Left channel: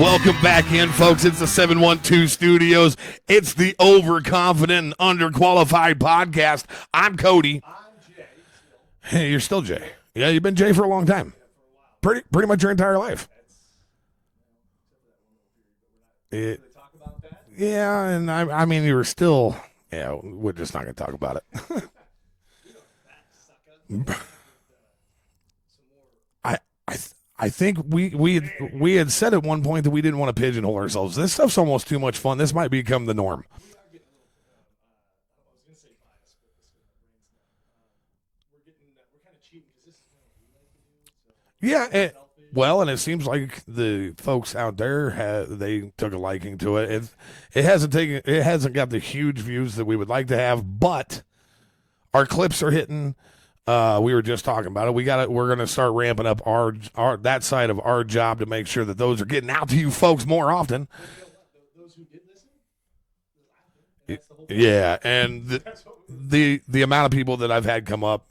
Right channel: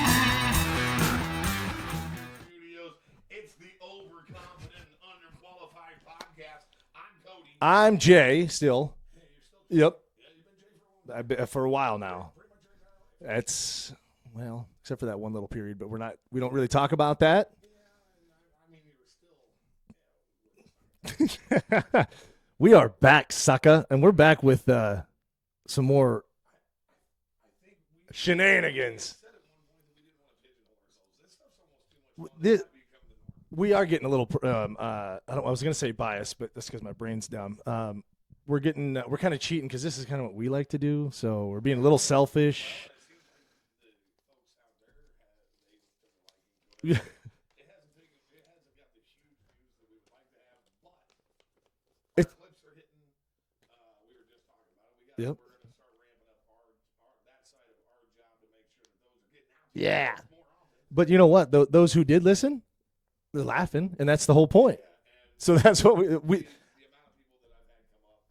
Welcome back in, folks. It's the 712 Studios. It's the Overconfident and Underqualified podcast. I'm Cody. I'm Jay still. Hey, you're still Jay. Yep. Yeah, you've been Jay for a long time. For a while now. Pretty much your entire life. That's, well, except for that one little period, but we don't really talk about that. Yeah, and I mean, you were still, yeah, we're just not going to talk about it. We are back, sucker, and we're back with some more. I think we had said at one point that we didn't want to pigeonhole ourselves. This stuff's almost too much fun. This might become the norm. We are getting a little, I was going to say biased, but that's because my brain's dumb. We're kind of cheating because this is kind of what we like to do. So we're being a little selfish. Well, and it seems like the folks out there they took a liking to it. It hasn't got the huge views that we would like to have, but our clips are hitting. We were just talking about it. We're going to start ramping up our that side of our job to make sure that those are getting out to you folks more often. But you know what? Those who did listen, they're laughing, and that's the whole point. Yeah, and so that's what the amount of people that I've had come up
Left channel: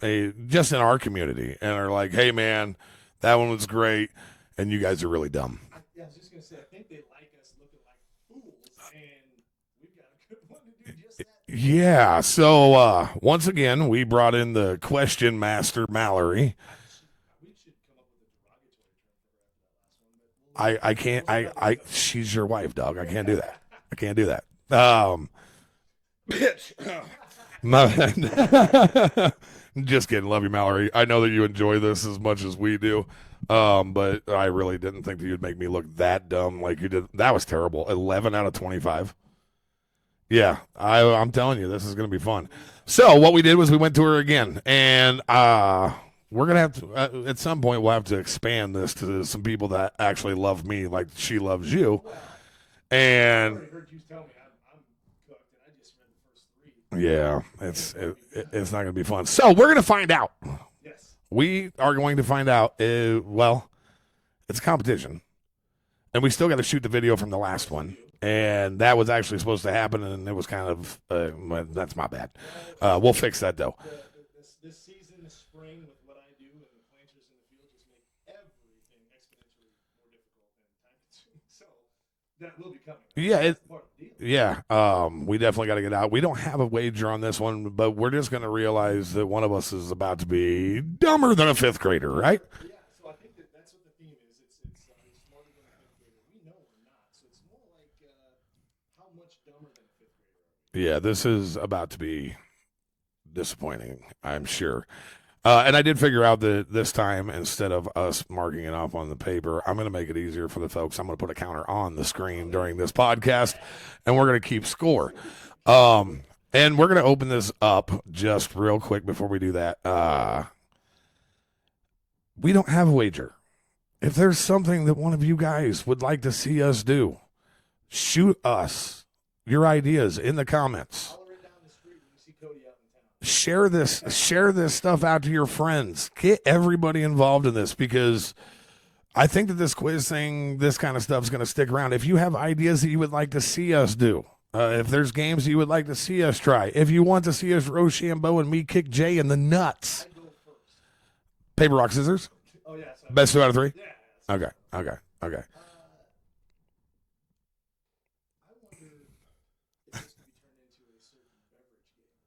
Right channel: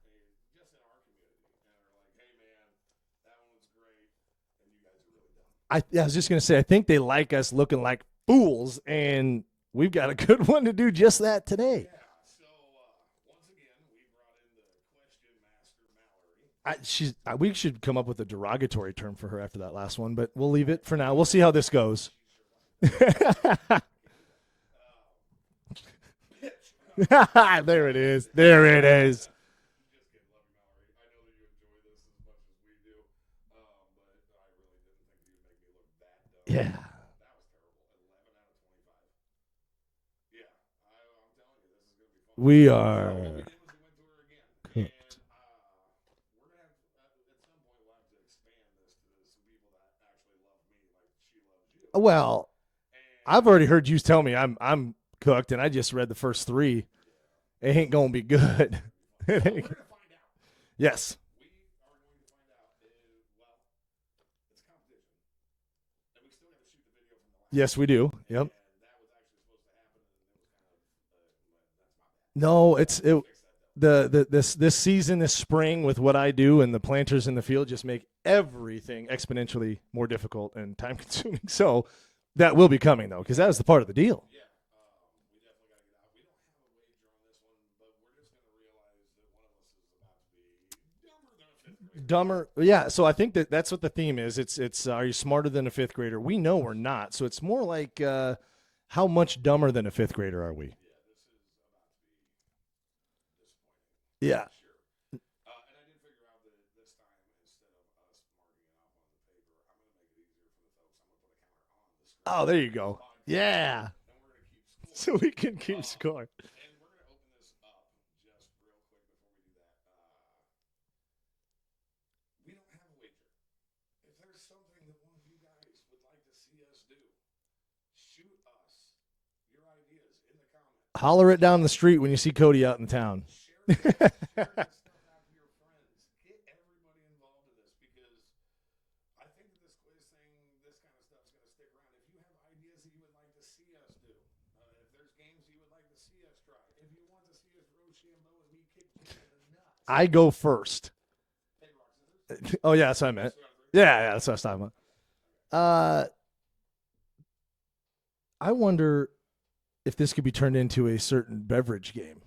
just in our community and are like, "Hey, man, that one was great, and you guys are really dumb." I was just going to say, I think they like us looking like fools, and we've got a good one to do just that today. Yeah. So once again, we brought in the question master, Mallory. We should come up with a derogatory term for her after that last one, but we'll leave it for now. We'll see how this goes. She's your wife, dog. I can't do that. I can't do that. Bitch. There it is. Just kidding. Love you, Mallory. I know that you enjoy this as much as we do. But I really didn't think that you'd make me look that dumb like you did. That was terrible. 11 out of 25. Yeah, I'm telling you, this is going to be fun. So what we did was we went to her again, and we're going to have to, at some point, we'll have to expand this to some people that actually love me like she loves you. Well, and I've already heard you tell me I'm cooked, and I just read the first 3. Yeah. It ain't going to be good. It's not going to be fun. So we're going to find out. Yes. We are going to find out, well, it's a competition. And we still got to shoot the video from the last one. Yes, we do. And that was actually supposed to happen, and it was kind of that's my bad. No, we'll fix that though. This season, this spring, with what I do and the planters in the field, just make everything exponentially more difficult and time consuming. So that will be coming though. Yeah, that's the part of the deal. Yeah, we definitely got to get out. We don't have a wager on this one, but we're just going to realize that one of us is about to be dumber than a 5th grader, right? Yeah. So I think that's what the theme is. It's are you smarter than a 5th grader? We know we're not. So it's more like how much dumber than a 5th grader are we? Yeah, this is about to be disappointing. Yeah. I'm sure. And I did figure out that this time, instead of us marking it off on the paper, I'm going to make it easier for the folks. I'm going to put a counter on the screen during this podcast, and we're going to keep score. So we can keep score. And we're going to open this up just real quick before we do that. We don't have a wager. If there's something that one of you guys would like to see us do, shoot us your ideas in the comments. Holler it down the street when you see Cody out in town. Share this stuff out to your friends. Get everybody involved in this, because I think that this quiz thing, this kind of stuff is going to stick around. If you have ideas that you would like to see us do, if there's games you would like to see us try, if you want to see us Rochambeau and me kick Jay in the nuts. I go first. Paper, rock, scissors? Oh, yeah. So Best 2 out of 3? Yeah, that's what I'm talking about. Okay. I wonder if this could be turned into a certain beverage game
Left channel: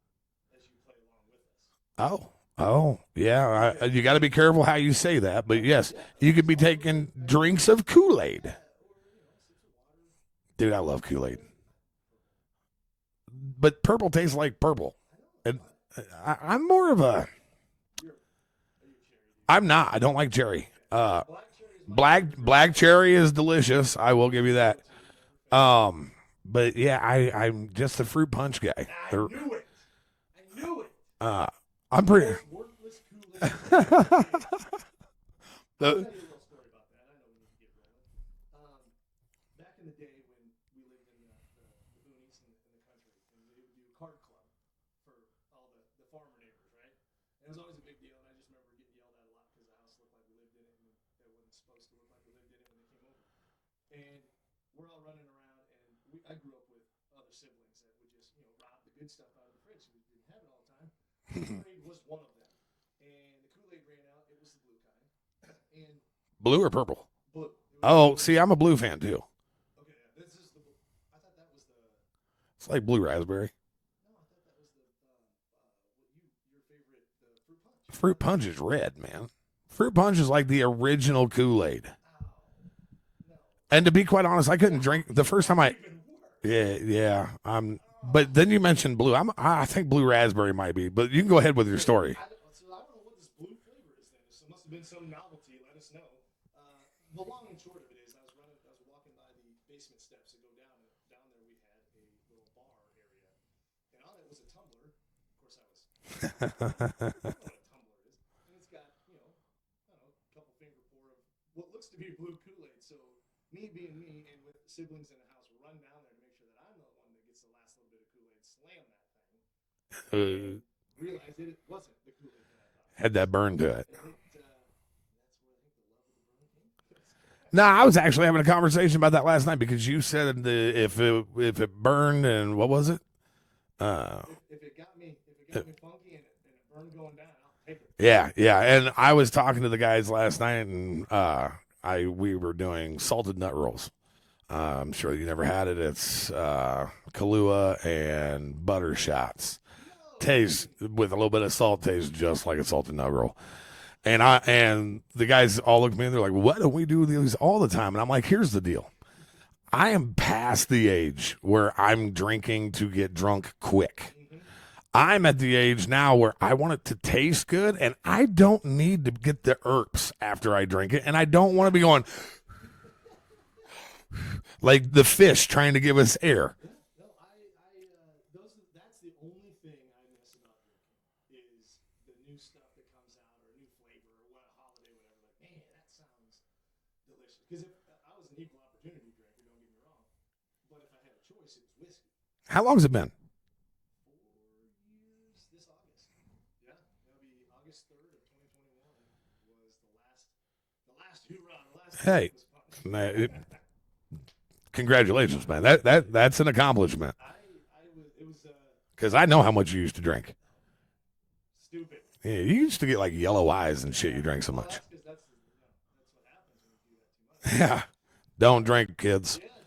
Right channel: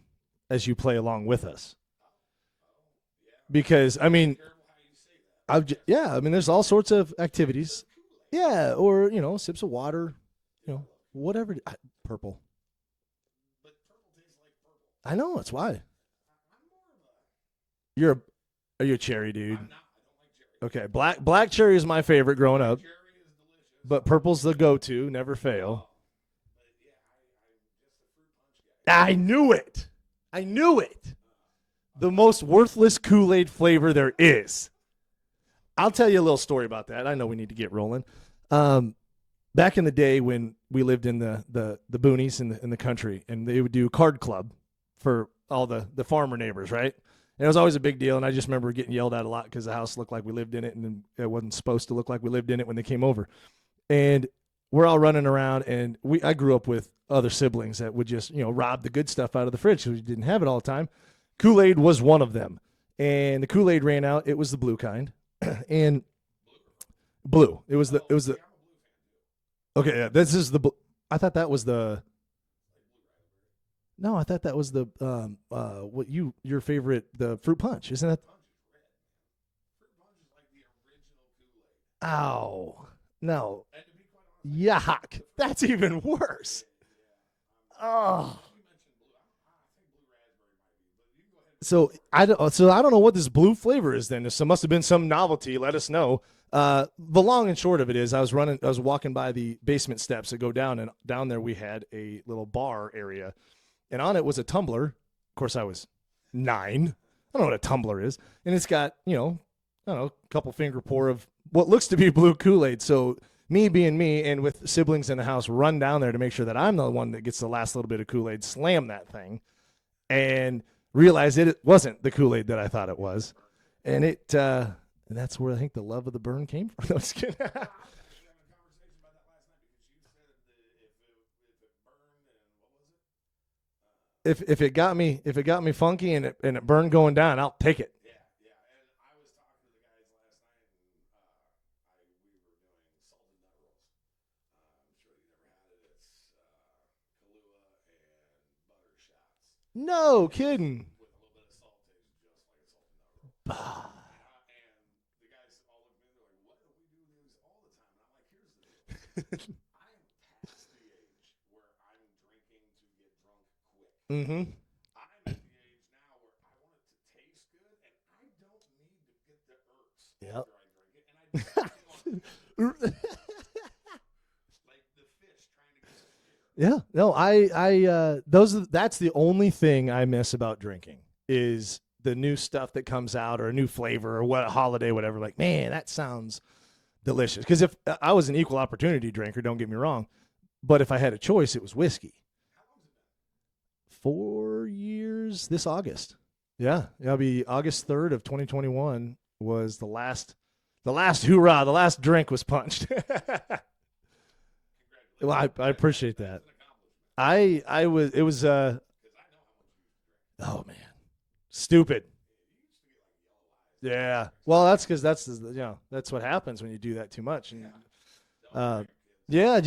as you play along with us. Oh, yeah. Because you got to be careful how you say that. But yes, yeah, you could be all taking sorts of drinks of Kool-Aid. Yeah, or sips of water. Dude, I love Kool-Aid. Whatever. Purple. But purple tastes like purple. I know. That's why. I'm more of a. Are you a cherry dude? I'm not. I don't like cherry. Okay, black cherry is my favorite. Black cherry is delicious. But I will give you that. Go-to, never fail. But yeah, I'm just a fruit punch guy. I knew it. I'm the most worthless Kool-Aid flavor there is. I'll tell you a little story about that. I know we need to get rolling. Back in the day when we lived in the boonies in the country, and they would do card club for all the farmer neighbors, right? And it was always a big deal, and I just remember getting yelled at a lot because the house looked like we lived in it, and it wasn't supposed to look like we lived in it when they came over. And we're all running around, and I grew up with other siblings that would just, rob the good stuff out of the fridge because we didn't have it all the time. Kool-Aid was one of them. And the Kool-Aid ran out. It was the blue kind. And blue or purple? Blue. It was. See, I'm a blue fan too. Okay, yeah, this is the. I thought that was the. It's like blue raspberry. No, I thought that was the your favorite, the fruit punch. Isn't Fruit that? punch is red, man. Fruit punch is like the original Kool-Aid. Ow. No. And to be quite honest, I couldn't Yuck. drink the first time That's I. even worse. Yeah. Oh. But then you mentioned blue. I think blue raspberry might be. But you can go ahead with your story. I don't know what this blue flavor is. Then there must have been some novelty. Let us know. The long and short of it is, I was walking by the basement steps that go down, and down there we had a little bar area, and on it was a tumbler. Of course, I was 9. I don't know what a tumbler is, and it's got I don't know, a couple finger pour of what looks to be blue Kool-Aid. So me being me, and with siblings in the house, run down there to make sure that I'm the one that gets the last little bit of Kool-Aid, slam that thing, and realize it wasn't the Kool-Aid that I thought it was. Had that burn to it. And it and that's where I think the love of the burn came from. No, just kidding. No, I was actually having a conversation about that last night because you said if it burned, and what was it? If it got me funky and it burned going down, I'll take it. Yeah. And I was talking to the guys last night, and we were doing salted nut rolls. I'm sure you never had it. It's Kahlua and butter shots. No Tastes kidding. with a little bit of salt. Tastes just like a salted nut roll. And the guys all looked at me and they're like, "Why don't we do these all the time?" And I'm like, "Here's the deal. I am past the age where I'm drinking to get drunk quick. Mm-hmm. I'm at the age now where I want it to taste good, and I don't need to get the irps after I drink it, and I don't want to be going like the fish trying to give us air." Yeah. No, that's the only thing I miss about drinking is the new stuff that comes out, or a new flavor, or what holiday, whatever. Like, man, that sounds delicious. Because if I was an equal opportunity drinker, don't get me wrong, but if I had a choice, it was whiskey. How long has it been? 4 years this August. Yeah, it'll be August 3rd of 2021 was the last hoorah. The last drink was punched. Congratulations, Well, man. I appreciate That's an accomplishment. It was Because I know how much you used to drink. oh man, stupid. Yeah, you used to get like yellow eyes and shit. You drank so well, much. that's because that's what happens when you do that too much. Yeah. Don't drink, kids. Yeah,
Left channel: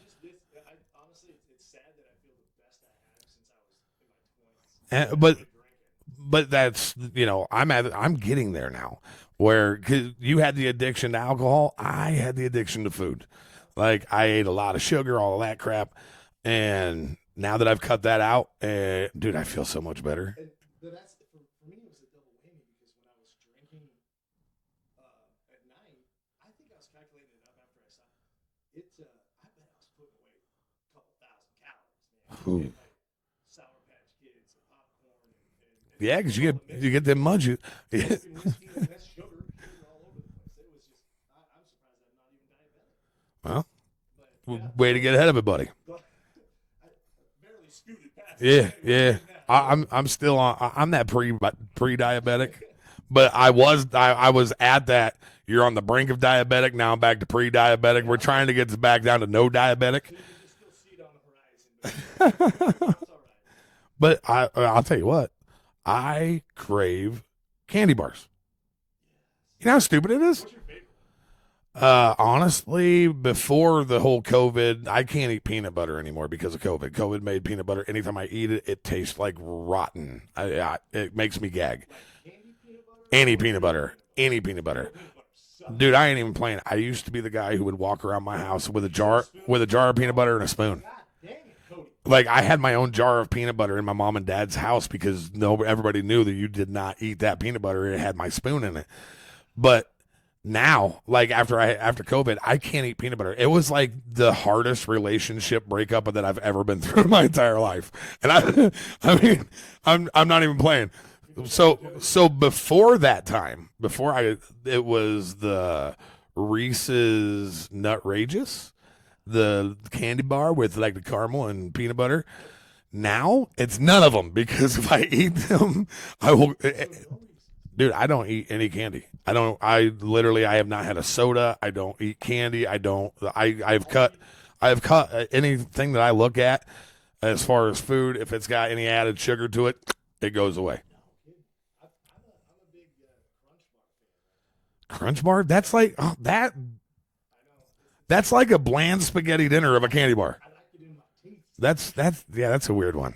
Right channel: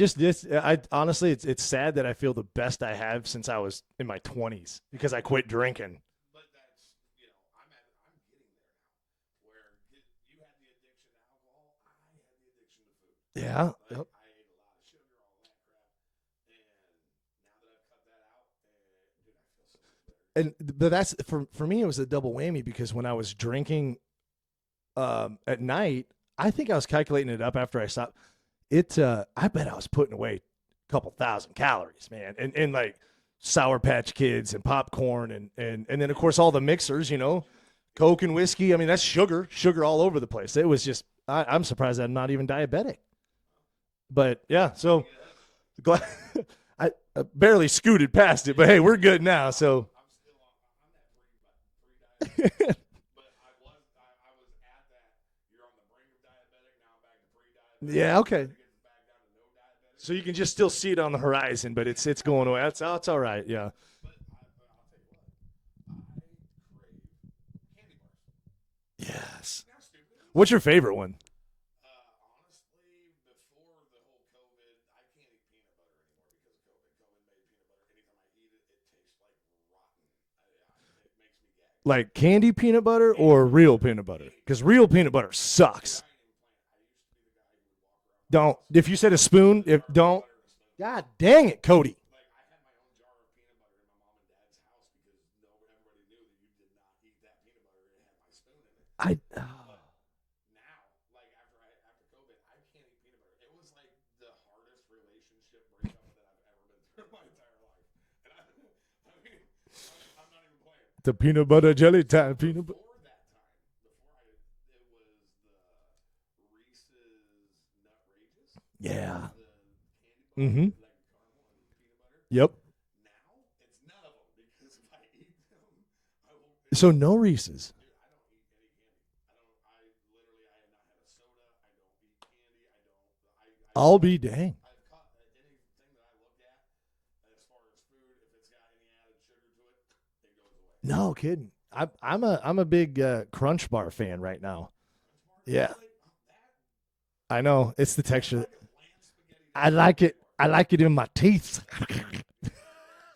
I honestly, it's sad that I feel the best I have since I was in my 20s because I quit drinking. But that's I'm getting there now, where 'cause you had the addiction to alcohol, I had the addiction to food. Yeah, Like I ate a lot of sugar, all of that crap, and now that I've cut that out, dude, I feel so much better. But that's for me. It was a double whammy because when I was drinking at night, I think I was calculating it up after I stopped. I bet I was putting away a couple thousand calories, man, and like Sour Patch Kids and popcorn and then of course all the mixers, Coke and whiskey. I mean, that's sugar all over the place. It was just I'm surprised I'm not even diabetic. Well, but yeah, way to get ahead of it, buddy. I barely scooted past it, but hey, we're good now. So. I'm still on. I'm that pre-diabetic, but I was at that. You're on the brink of diabetic. Now I'm back to pre-diabetic. Yeah, We're trying to get back down to no diabetic. So you can just still see it on the horizon, but it's going away. It's all right. Yeah. But I'll tell you what, I crave candy bars. Yes. You know how stupid it is? What's your favorite one? Honestly, before the whole COVID, I can't eat peanut butter anymore because of COVID. COVID made peanut butter. Anytime I eat it, it tastes like rotten. It makes me gag. Like candy peanut butter Any or peanut real butter. peanut butter? Any peanut Because butter. real peanut butter sucks. Dude, I ain't even playing. I used to be the guy who would walk around my house with If you said a spoon, with a jar of peanut don't- butter and a spoon. God dang it, Cody. Like I had my own jar of peanut butter in my mom and dad's house because everybody knew that you did not eat that peanut butter. It had my spoon in it. But now, like after COVID, I can't eat peanut butter. It was like the hardest relationship breakup that I've ever been through in my entire life. And I mean, I'm not even playing. The peanut butter jelly. So before that time, it was the Reese's Nutrageous. Yeah. The candy bar with like the caramel and peanut butter. Yep. Now it's none of them because if I eat them, I will. So no Reese's. Dude, I don't eat any candy. I have not had a soda. I don't eat candy. I've cut anything that I look at as far as food. If it's got any added sugar to it, it goes away. No kidding. I'm a big Crunch Bar fan right now. Crunch Bar? That's like that. I know. It's the That's texture. like a bland spaghetti I dinner of a like candy it. bar. I like it in my teeth. That's a weird one.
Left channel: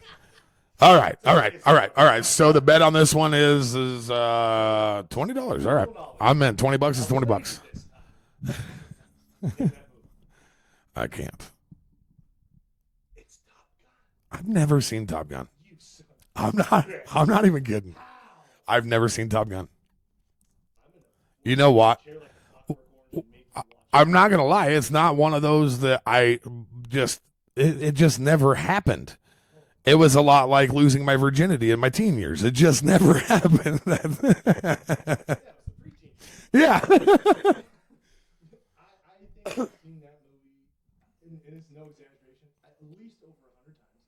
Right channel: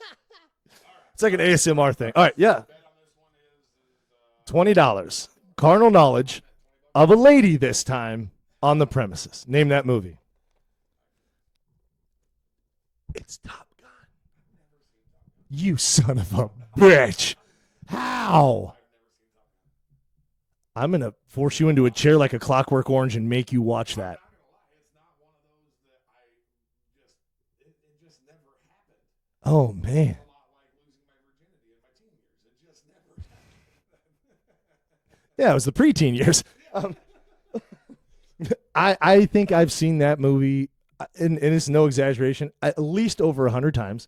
All right, like all an right, ASMR all right, thing. all right. All right, So yeah. the bet on this one is $20. $20. Carnal knowledge I meant $20 of a $20. lady this time on the premises. Name that movie. I can't. It's Top Gun. I've never seen Top Gun. You son of a I'm bitch. not even kidding. How? I've never seen Top Gun. I'm gonna force You you, know into a what? chair like a Clockwork Orange and make you watch. I'm that. not gonna lie. It's not one of those that I just. It just never happened. Oh, man. It was a lot like losing my virginity in my teen years. It just never happened. Yeah, it was the preteen years. Yeah. I think I've seen that movie, and it's no exaggeration, at least over 100 times.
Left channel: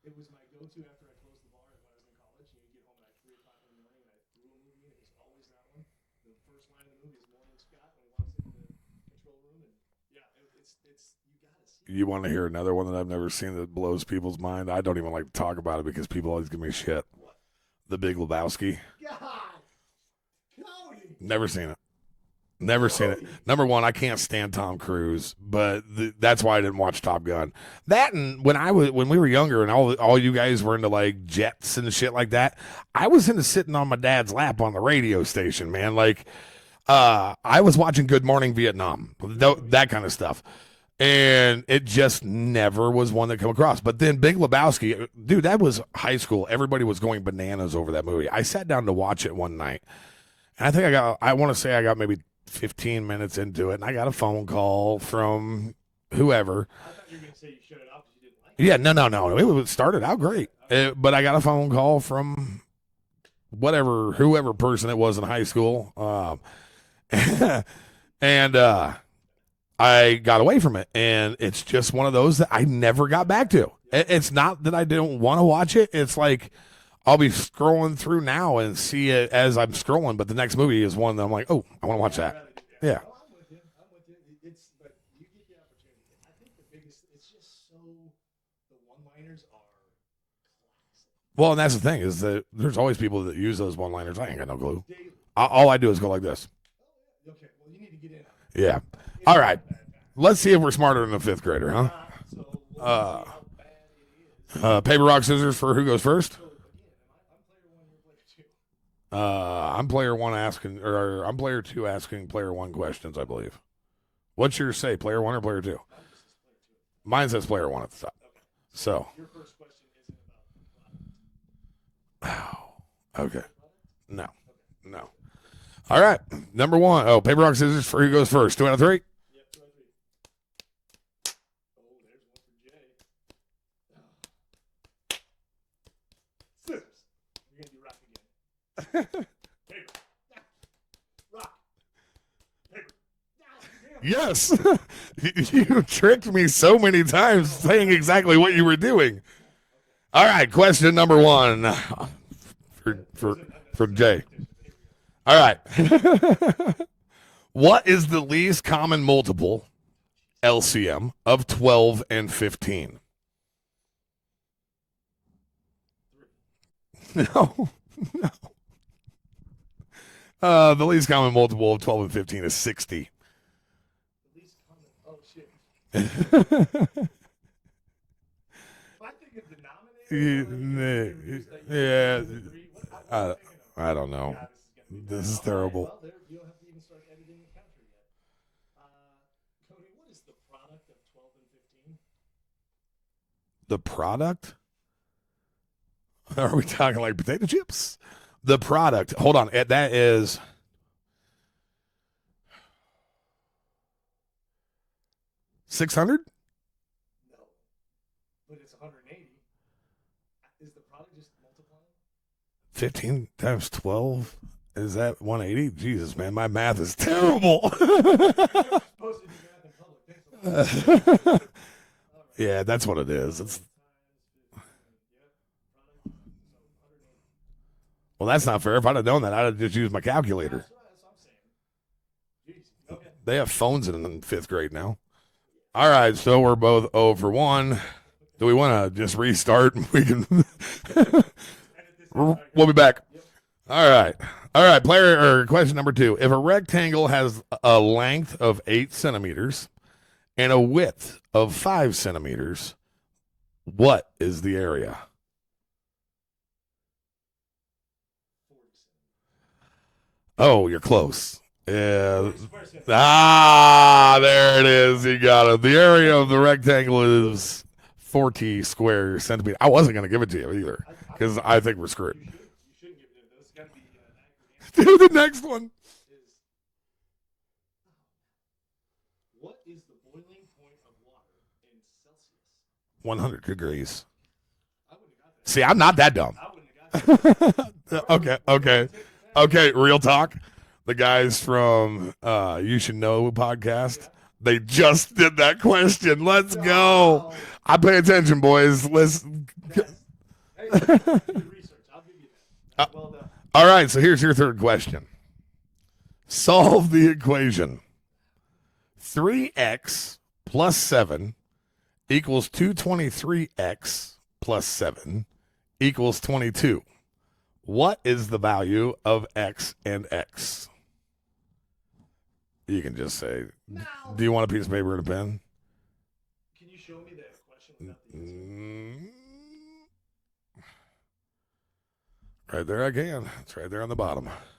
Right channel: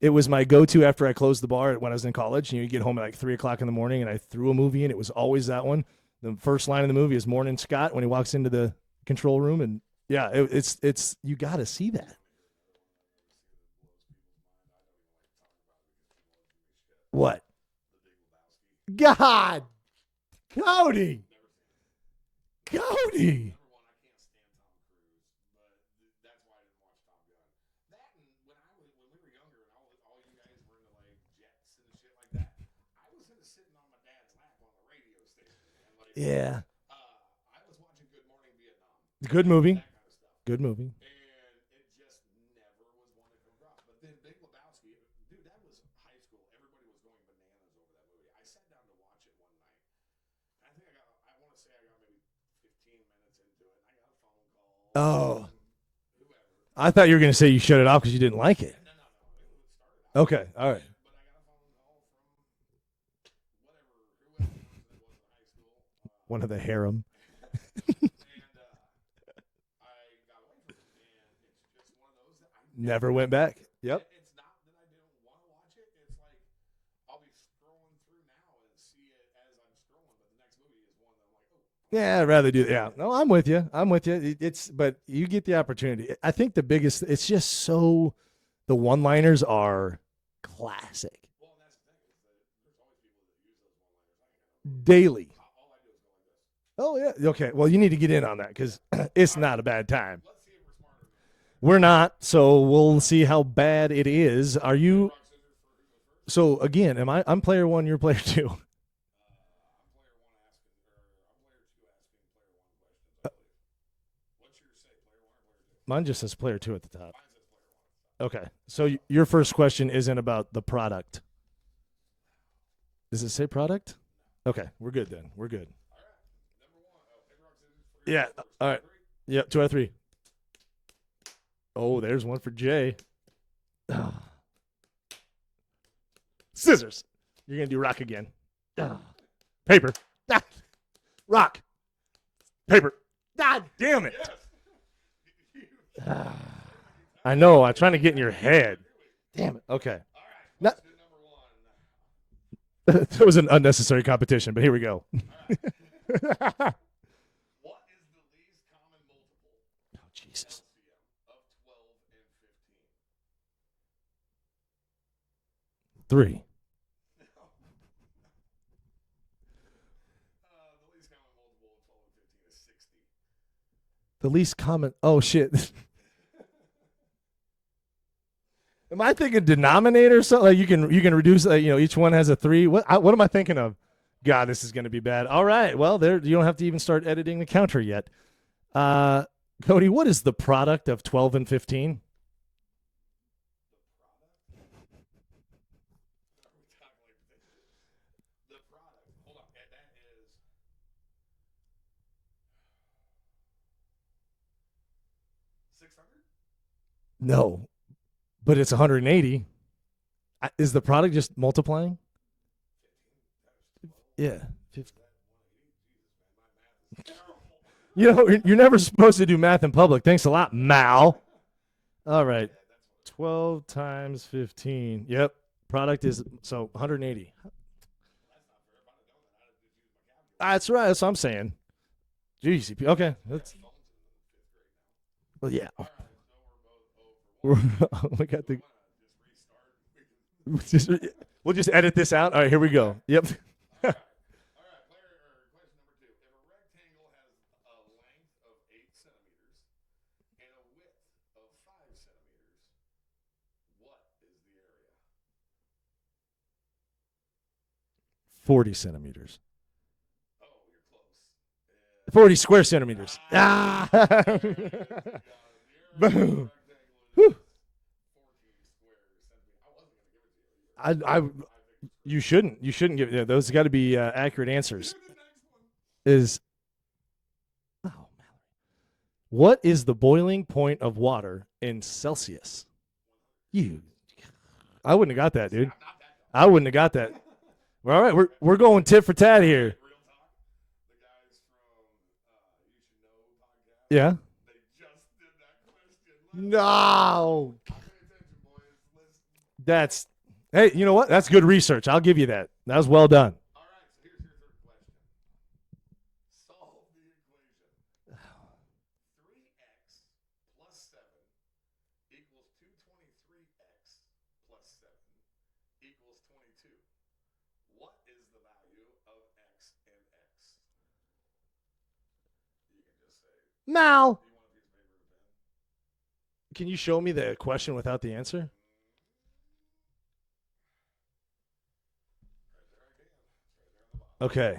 It was my go-to after I closed the bar when I was in college. You get home at like 3 o'clock in the morning, and I threw a movie, and it was always that one. The first line of the movie is "Morning, Scott" when he walks into the control room, and yeah, it's you got to see that. You want to hear another one that I've never seen that blows people's mind? I don't even like to talk about it because people always give me shit. What? The Big Lebowski. God, Cody. Never seen it. Never seen it. Number one, I can't stand Tom Cruise, but that's why I didn't watch Top Gun. That and when we were younger and all you guys were into like jets and shit like that, I was into sitting on my dad's lap on the radio station, man. Like, Yeah, I was watching Good Morning Vietnam, Good movie. that kind of stuff. good movie. And it just never was one that come across. But then Big Lebowski, dude, that was high school. Everybody was going bananas over that movie. I sat down to watch it one night, and I think I want to say I got maybe 15 minutes into it, and I got a phone call from whoever. I thought you were going to say you shut it off because you didn't like it. Yeah, no. It started out Okay, great. all right. But I got a phone call from whoever person it was in high school. One of the harem. And I got away from it, and it's just one of those that I never got went back back. to. Yep. It's not that I didn't want to watch it. It's like I'll be scrolling through now and see it as I'm scrolling, but the next movie is one that I'm like, oh, I want to watch I'd that. rather do that. Yeah. Yeah. No, I'm with you. But you get the opportunity. I think the biggest, it's just so, the one-liners are classic. Well, and that's the thing is that there's always people that use those one-liners. I ain't got no clue. Daily. All I do is go like this. Oh, yeah. Okay. Well, you need to get in on that. 'cause Yeah. It's All not right. a bad time. Let's see if we're smarter than a fifth grader. We're huh? not, so we'll see how bad it is. Are you, Paper, rock, scissors for who goes first. So, again, I'm player one, you're player two. I'm player one asking, or I'm player two asking player one questions, I believe. What's your say, player one or player two? Mine just says player two at the top. Mine says player one at the top. Okay. So, So. your first question isn't about the product. Does it Okay. say product? No. Okay. We're No. good then. We're good. All right. Number one. Oh, paper, rock, scissors for who goes first. 2 out of 3. Yep, 2 out of 3. Oh, there's one for Jay. Scissors. You're going to do rock again. Paper. Rock. Paper. God damn it. Yes. You tricked me so many times know, I'm saying trying to get in exactly your what you head. were doing. Damn it. Okay. All right. Question number one. It was an unnecessary Jay. competition, but here we go. All right. What is the least common multiple LCM of 12 and 15? 3. No. The least common multiple of 12 and 15 is 60. The least common. Oh, shit. Am I thinking denominator or something? Like you can reduce, each one has a 3. What am I thinking of? I don't know. God, this is going to be bad. This is All right. terrible. Well, there you don't have to even start editing the counter yet. Cody, what is the product of 12 and 15? The product? Are we talking like potato chips? The product. Hold on. That is 600? No, but it's 180. Is the product just multiplying? 15 times 12? Yeah. Is that 180? Jesus, man, my math is terrible. You're never supposed to do math in public. Thanks a lot, Mal. All right. Yeah, that's what it is. 12 times 15. Yep. Product is 180. Well, that's not fair. If I'd have known that, I'd have just used my calculator. That's right. That's what I'm saying. Jeez. Okay. They have phones in fifth grade now. Well, yeah. All right, so we're both 0 for 1. Okay. Do we want to just restart? We can. We'll just edit this out. All right, here We'll we be go. back. Yep. All right. All right. Player or question number 2. If a rectangle has a length of 8 centimeters and a width of 5 centimeters, what is the area? 40 centimeters. Oh, you're close. Yeah. 40 square centimeters. Ah, there it is. You got it. The area of the rectangle is 40 square centimeters. I wasn't going to give it to you either because I think we're screwed. You shouldn't. You shouldn't give. Those got to be accurate answers. The next one is. What is the boiling point of water in Celsius? 100 degrees. I wouldn't have got that. See, dude. I'm not that dumb. I wouldn't have got that. All right, Okay, we're going tit for tat Okay, here. real talk. The guys from You Should Know podcast. Yeah. They just did that question. Let's go. No. I pay attention, boys. Listen. That's. Hey, you know what? That's good research. I'll give you that. That was well done. All right, so here's your third question. Solve the equation. 3x plus 7 equals 223x plus 7 equals 22. What is the value of x and x? You can just say, Mal. do you want a piece of paper and a pen? Can you show me the question without the answer? Right there I can. It's right there on the bottom. Okay.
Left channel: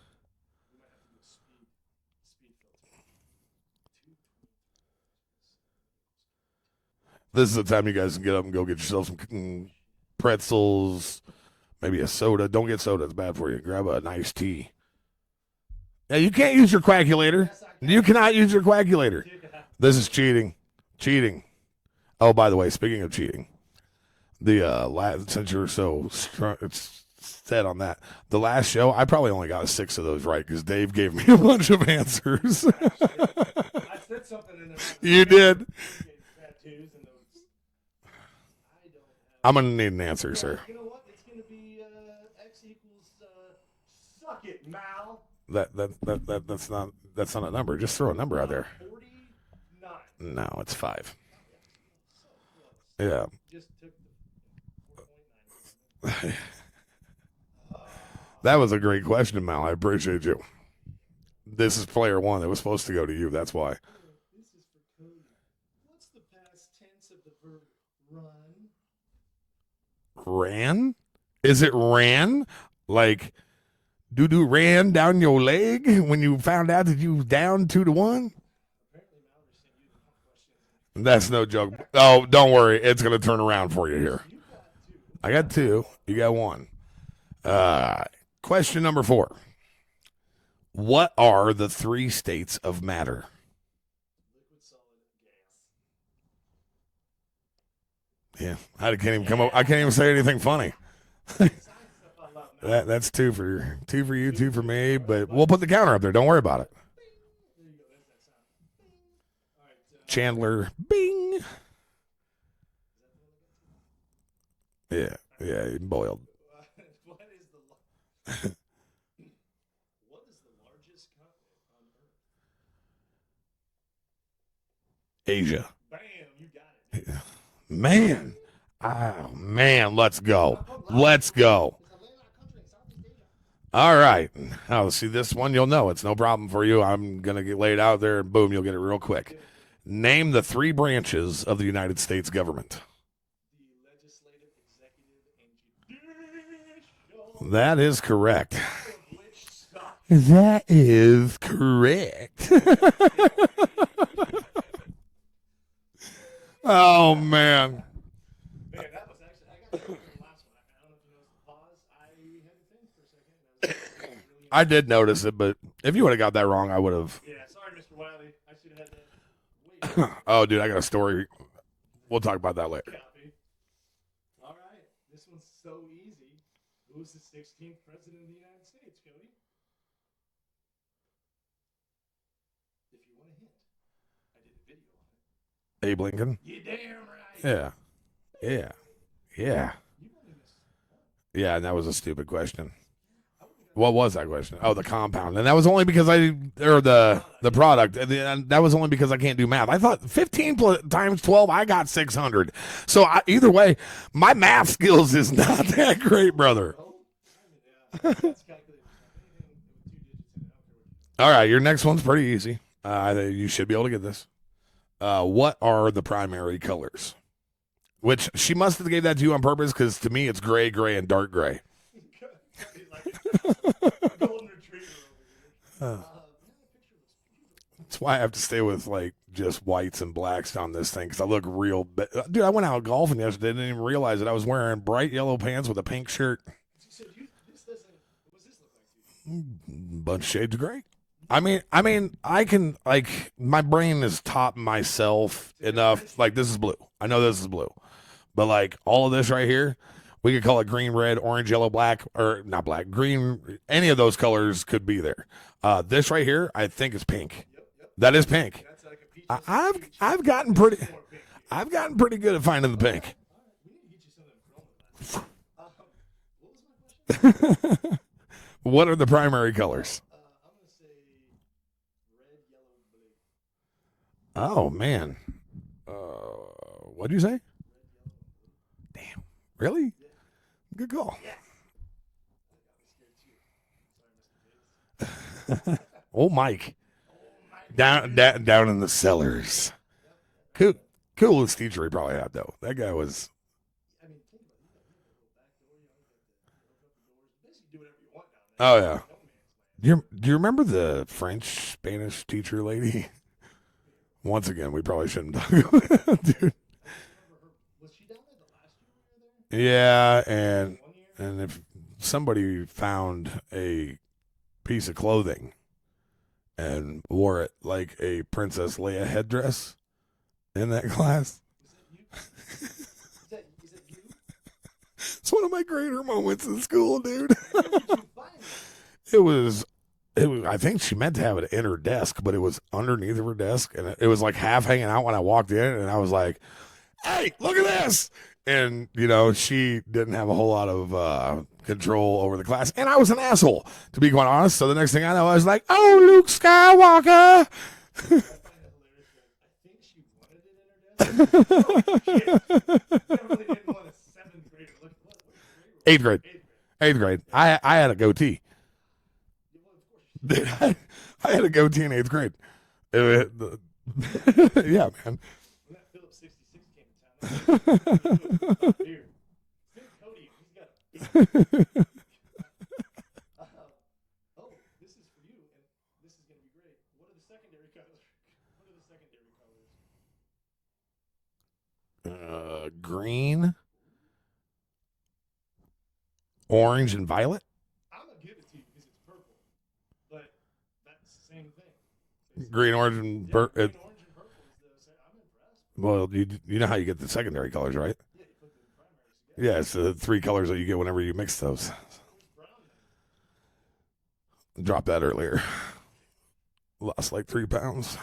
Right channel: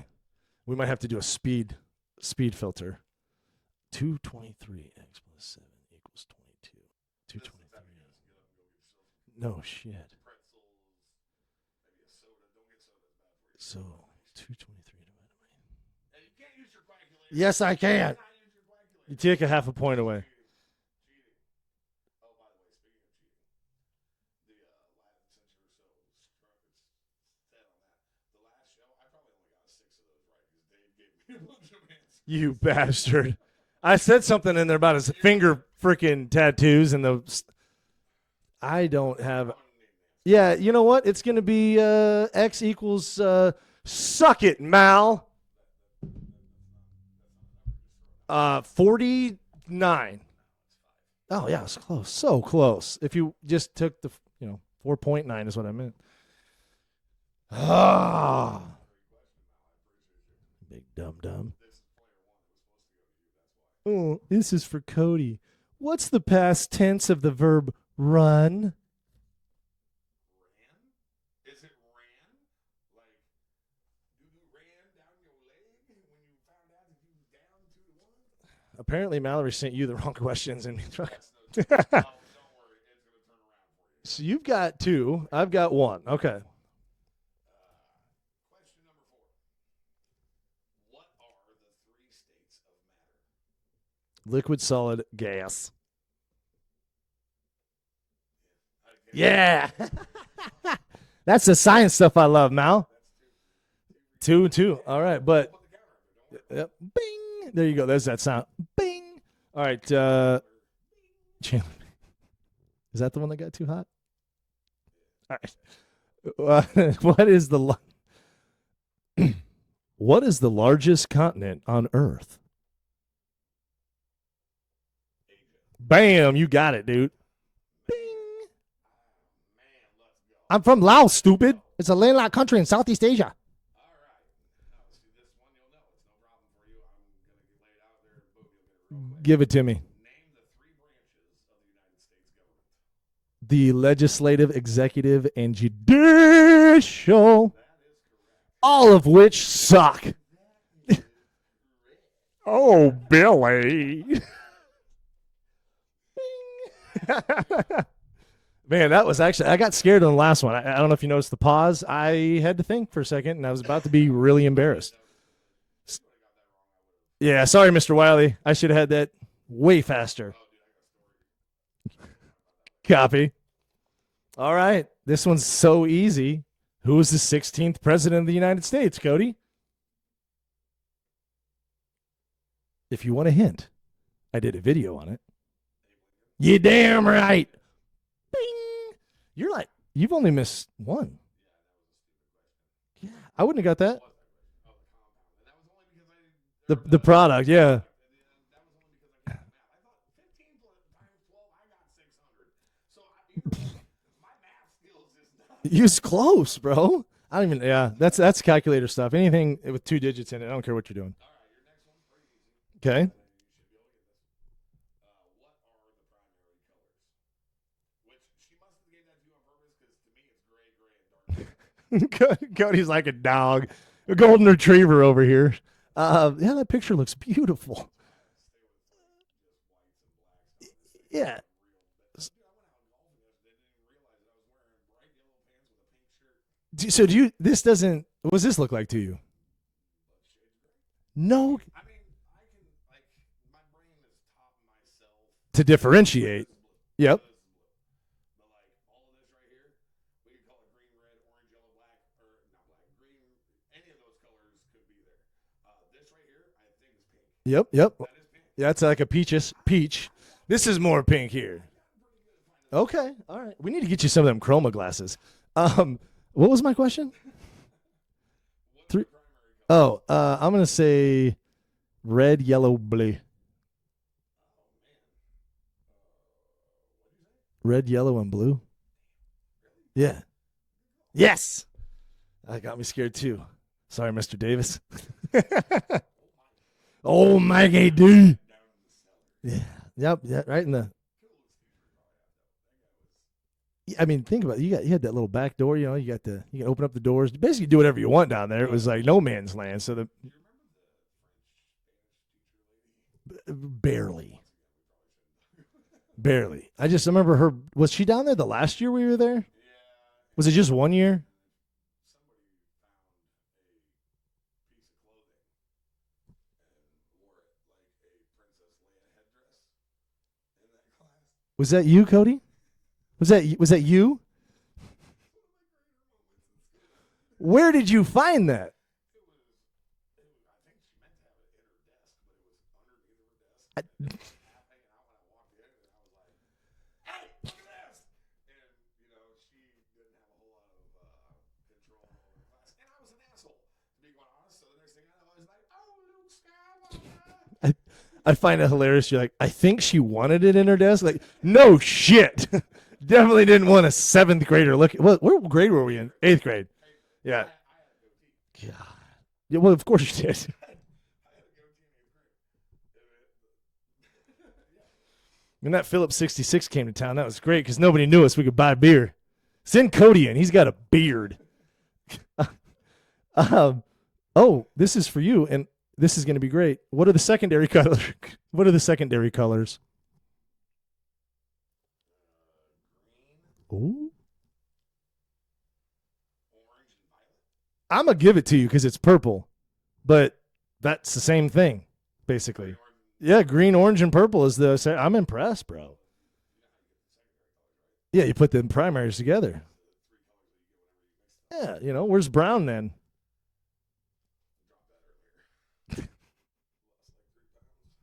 We might have to do a speed filter. 223x plus 7 equals 22. This is the time you guys can get up and go get yourself some Oh, shit. pretzels, maybe a soda. Don't get soda. It's bad for you. Grab a nice tea. Yeah, you can't use your calculator. Yes, I can. You cannot use your calculator. Take a half a point This is away. cheating. Cheating. Oh, by the way, speaking of cheating, the since you're so strong, it's set on that. The last show, I probably only got 6 of those right because Dave gave me a bunch of answers. You bastard. I said something in there about his You finger did. freaking tattoos and the. I don't have. I'm gonna need an answer. Yeah, sir. you know what? It's gonna be x equals. Suck it, Mal. That's not a number. Just throw a number out there. 49. No, it's 5. Oh yeah, it's close. So close. If Yeah. you just took the 4.9 is what I meant. Ah, That was a great question, Mal. I appreciate you. big dum. This is player 1. It was supposed to go to you. That's why. Oh, this is for Cody. What's the past tense of the verb run? Ran? Is it ran? Like doo-doo ran down your leg when you found out that you was down 2-1? Apparently, Mallory sent you the wrong questions, and That's no joke. Oh, don't worry. It's going to turn around for you here. So you've got 2. I got I've 2. got 1. You Okay. got 1. Question number 4. What are the 3 states of matter? Liquid, solid, gas. Yeah. I can't even say anything funny. That's the science stuff I love, Mal. That's 2 for you, 2 for Two. me. All right, but but- we'll put the counter up there. Don't worry about Yep. Bing. There you go. There's that sound. Bing. All right. it. Chandler. Bing. Chandler. Is that the one that got too hot? Yeah. Yeah, he boiled. What is the what is the largest continent on Earth? Asia. Bam! You got it, dude. Man. Oh, man. Let's go. I'm from Laos. Let's stupid. go. It's a landlocked country in Southeast Asia. All right. Oh, see this one, you'll know. It's no problem for you. I'm going to get laid out there, and boom, you'll get it real quick. Give it to me. Name the 3 branches of the United States government. The legislative, executive, and judicial, That is correct. all of which suck. That is correct. Oh, Billy. Oh, man. Man, that was actually, I got scared on the last one. I don't know if you noticed the pause. I had to think for a second, and I was about to be really I embarrassed. did notice it, but if you would have got that wrong, I would have. Yeah, sorry, Mr. Wiley. I should have had that way faster. Oh, dude, I got a story. We'll talk about that later. Copy. All right. This one's so easy. Who was the 16th president of the United States, Cody? If you want a hint, I did a video on it. Abe Lincoln. You damn right. Yeah. Yeah. You're Yeah. right. You've only missed one. Yeah, and that was a stupid question. I wouldn't have got What that. was that question? Oh, the compound, and that was only because the product, The yeah. product, and that was only because I can't do math. I thought 15 times 12, I got 600. So either way, my math skills is not You're that great, close, brother. bro. I don't even. Yeah, that's calculator stuff. Anything with 2 digits in it, I don't care what you're doing. All right, your next one's pretty easy. Okay. You should be able to get this. What are the primary colors? Which she must have gave that to you on purpose because to me it's gray, and dark gray. Cody's like a dog, a golden retriever over here. Yeah, that picture looks beautiful. That's why I have to stay with like just whites and blacks on this thing because I Yeah. look real. Dude, I went out golfing yesterday. Didn't even realize that I was wearing bright yellow pants with a pink shirt. So do you? This doesn't. What does this look like to you? Bunch of shades of gray. No. I can like my brain is taught myself To enough, differentiate. Like this is blue. Yep. I know this is blue, but like all of this right here, we could call it green, red, orange, yellow, black, or not black, green. Any of those colors could be there. This right here, I think is pink. Yep. That is pink. That's like a peaches peach. I've gotten. This pretty, is more pink here. I've gotten pretty good at finding the Okay. pink. All right. We need to get you some of them chroma glasses. What was my question? What are the primary colors? I'm gonna say red, yellow, blue. Oh man. What'd you say? Red, yellow, and blue. Really? Yeah. Good call. Yes. That got me scared too. Sorry, Mr. Davis. Oh, Mike. Oh my Down in the cellars. Yep. Yeah. Right. Cool. In the. Coolest teacher he probably had though. That guy was. I mean, think about it. You had that little back door. You know, you can open up the doors. Basically, do whatever you want down there. Oh, It was yeah. like no man's land. So Do you remember the French Spanish teacher lady? barely, Once again, we probably shouldn't talk about it. barely. I just remember her. Was she down there the last year we were there? Yeah. And, Was it just 1 year? And if somebody found a piece of clothing and wore it like a Princess Leia headdress in that class, Was that you, Cody? Was that you? it's one of my greater moments in school, dude. Where did you find that? It was. I think she meant to have it in her desk, but it was underneath of her desk, and it was like half hanging out when I walked in, and I was like, "Hey, look at this!" And you know, she didn't have a whole lot of control over the class, and I was an asshole, to be quite honest. So the next thing I know, I was like, "Oh, Luke Skywalker!" I find it hilarious. You're like, I think she wanted it in her desk. Like, no shit. Definitely didn't want a 7th grader look. What grade were we? 8th grade. 8th grade. 8th grade. Yeah. I had a goatee. Yeah, well, of course you did. I had a goatee in 8th grade. Yeah, man. When that Phillips 66 came to town, that was great because nobody knew us. We could buy beer. Send Cody in. He's got a beard. This is for you, and this is going to be great. What are the secondary colors? What are the secondary colors? Green, Ooh. orange, and violet. I'm going to give it to you because it's purple, but that's the same thing, basically. Green, orange, and Yeah, green, orange, and purple is the. I'm impressed, bro. Well, you know how you get the secondary colors, right? Yeah, you put the primaries together. Yeah, it's the 3 colors that you get whenever you mix those. Yeah, where's brown then? Dropped that earlier. Lost like 3 pounds.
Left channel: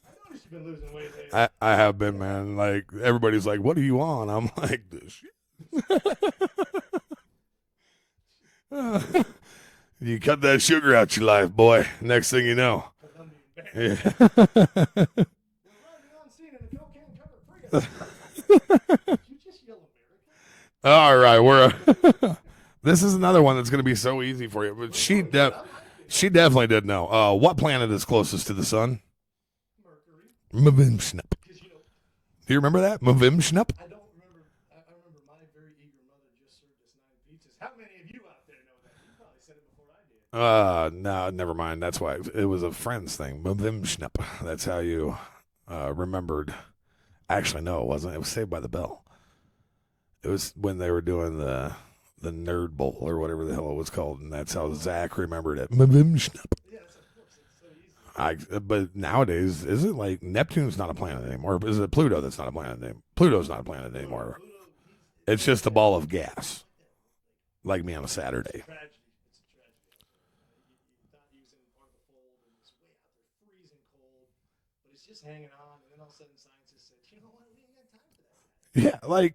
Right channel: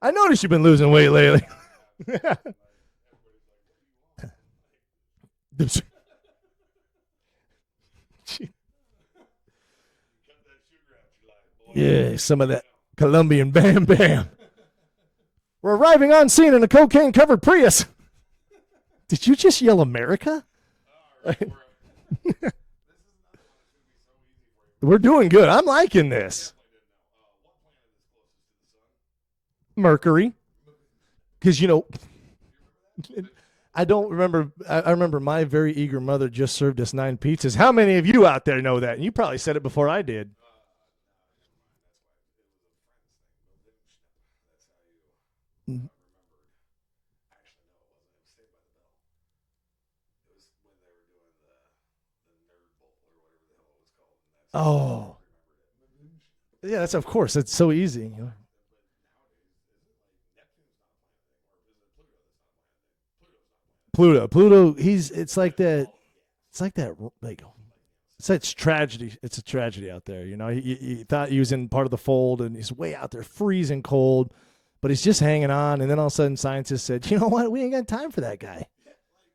I noticed you've been losing weight lately. I have been, man. Like everybody's like, "What are you on?" I'm like, "This shit." You cut that sugar out your life, boy. Yeah, Next some thing of you that know, Colombian Bam Bam. We're arriving on scene in a cocaine-covered Prius. Did you just yell America? all right, we're. This is another one that's going to be so easy for you. We're doing good. I'm liking this. She definitely did know. What planet is closest to the sun? Mercury. Mavimshnap. Because, Do you remember that? Mavimshnap? I don't remember. I remember my very eager mother just served us 9 pizzas. How many of you out there know that? And you probably said it before I did. No, never mind. That's why it was a Friends thing. Mavimshnap. That's how you remembered. Actually, no, it wasn't. It was Saved by the Bell. It was when they were doing the Nerd Bowl or whatever the hell it was called, and that's how Zach remembered it. Mavimshnap. Yeah, that's of course. That's so easy. But nowadays, is it like Neptune's not a planet anymore? Or is it Pluto that's not a planet anymore? Pluto's not a planet anymore. Pluto. It's It's like just that, a ball of It's gas, like that. Like me on a it's Saturday. such tragedy. It's a tragedy out there. He thought he was in part of the fold, and he's way out there, freezing cold. But he's just hanging on, and then all of a sudden, scientists said, "You know what? We ain't got time for that guy. Yeah, like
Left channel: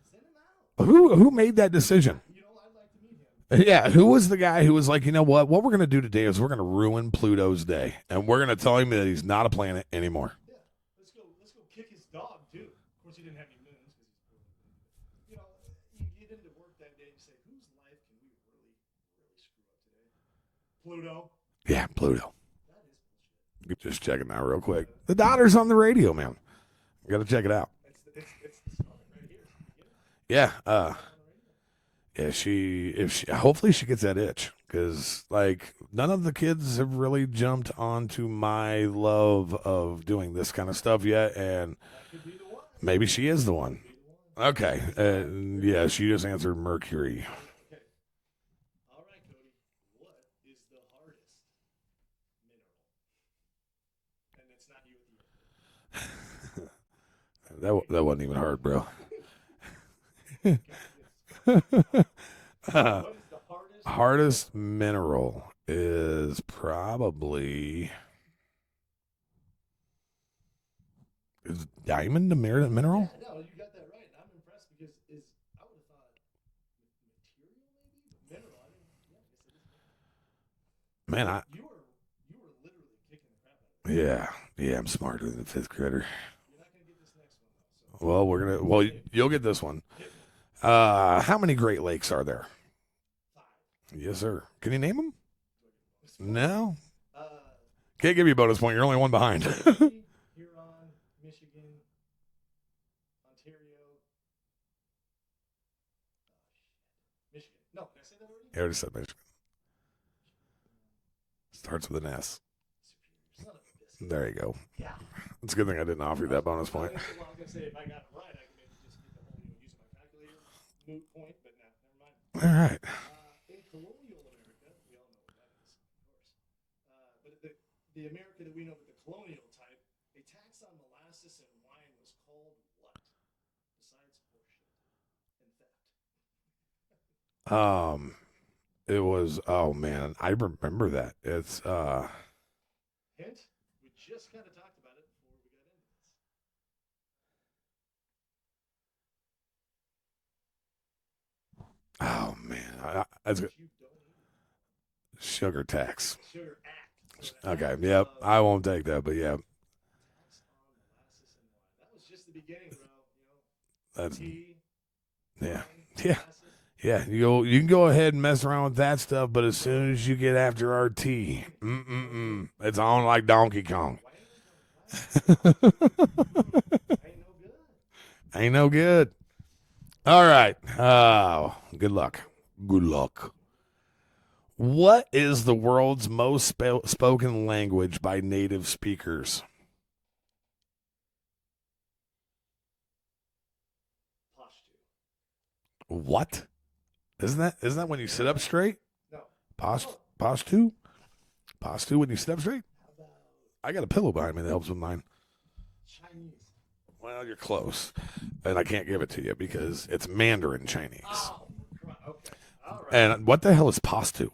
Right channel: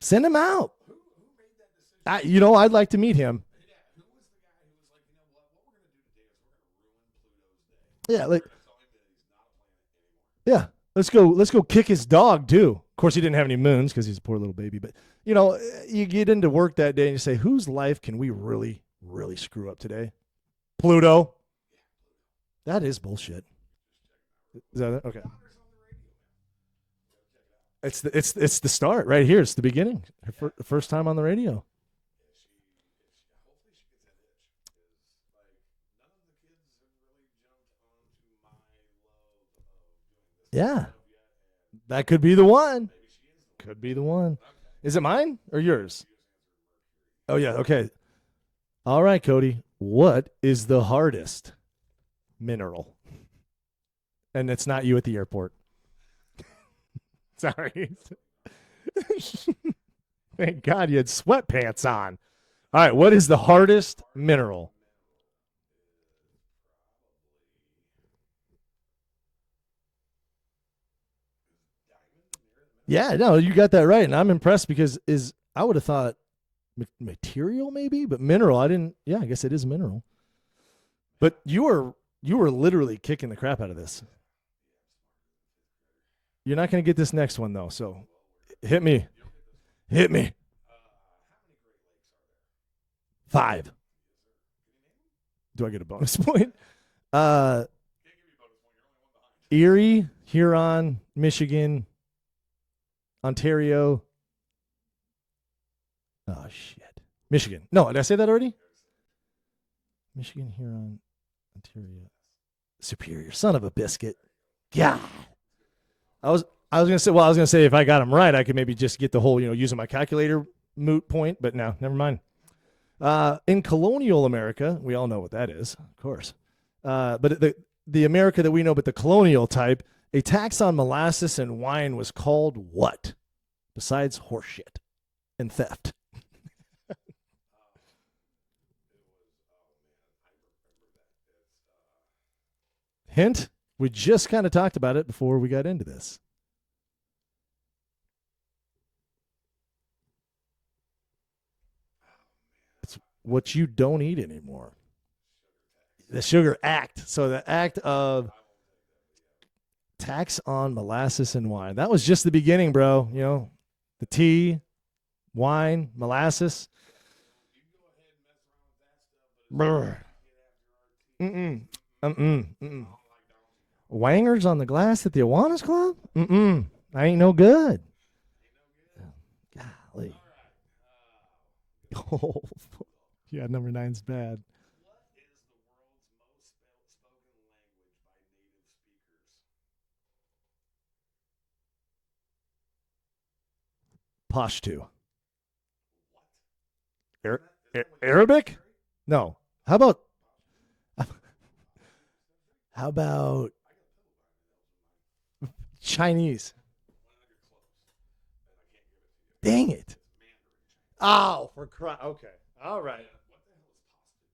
Send him out." who made that decision? I'd like to meet him. Yeah, who was the guy who was like, you know what we're going to do today is we're going to ruin Pluto's day. Yeah, and we're going to tell him that he's not a planet anymore. Yeah, let's go kick his dog too. course, he didn't have any moons because he's a poor little baby. But, you know, you get into work that day and you say, whose life can we really, really screw up today? Pluto. Yeah, Pluto. That is bullshit. Just checking that real quick. Is that it? The Okay. Donner's on the radio, man. You got to check it out. It's the start right here. It's the beginning. Yeah, The first time on the radio. Yeah, hopefully she gets that itch, because like none of the kids have really jumped onto my love of doing this kind of Yeah. stuff yet, and That could be the one. maybe she is the one. Could be the one. Okay, Is it mine or Yeah, yours? she just answered Mercury. Oh, yeah. Okay. All right, Cody. What is the hardest mineral? And it's not you at the airport. Sorry. That wasn't even hard, bro. Thank God you had sweatpants on. All right. What is the hardest Hardest mineral? is probably is diamond a mineral? Yeah, no, you got that right. And I'm impressed because I would have thought material maybe, but mineral, I didn't. Yeah, I guess it is mineral. Man, But you were literally kicking the crap out of this. yeah, I'm smarter than the fifth grader. You're not going to get this next one, though. So Well, we're gonna. Hit Well, me. you'll get this one. hit me. How many Great Lakes are there? 5. Yes, sir. Can you name them? Do I get a bonus point? No. Uh, Can't give you a bonus point. You're only one behind. Erie, Huron, Michigan, Ontario. Oh, shit. Michigan. No, did I say that already? I already said Michigan. Michigan, Huron, Starts with an S. Superior. Son of a biscuit. There you go. Yeah. It's a good thing I didn't offer you I was that bonus I was point. gonna say if I got them right, I could maybe just get the whole using my calculator moot point. But no, never mind. All right. In colonial America, we all know what that is, of course. But the America that we know, but the colonial type, a tax on molasses and wine was called what? Besides horseshit and theft. It was. Oh man, I remember that. It's Hint: we just kind of talked about it before we got into this. Oh man, What you don't eat anymore. sugar tax. The Sugar Act. So the Okay, act yeah, of I won't take that, but yeah, tax on molasses and wine. That was just the beginning, bro. that- Tea, wine, Yeah. molasses. yeah. You can go ahead and mess around with that stuff, but as Bro. soon as you get after our tea, Mm-mm. it's on like Donkey Kong. Wangers on the glass at the Awanas Club? Mm-mm. I ain't no good. Ain't no good. Golly. All right. Oh, good luck. Good luck. Yeah, number 9's bad. What is the world's most spoken language by native speakers? Pashto. What? Isn't that when you sit Arabic? up straight? No. How about Pashtu? Pashtu when you sit up straight? how about I got a pillow behind me that helps with mine. Chinese? Well, you're close, and I can't give it to you Dang because it's Mandarin Chinese. Oh, for crying. Okay. All right. And what the hell is Pashtu?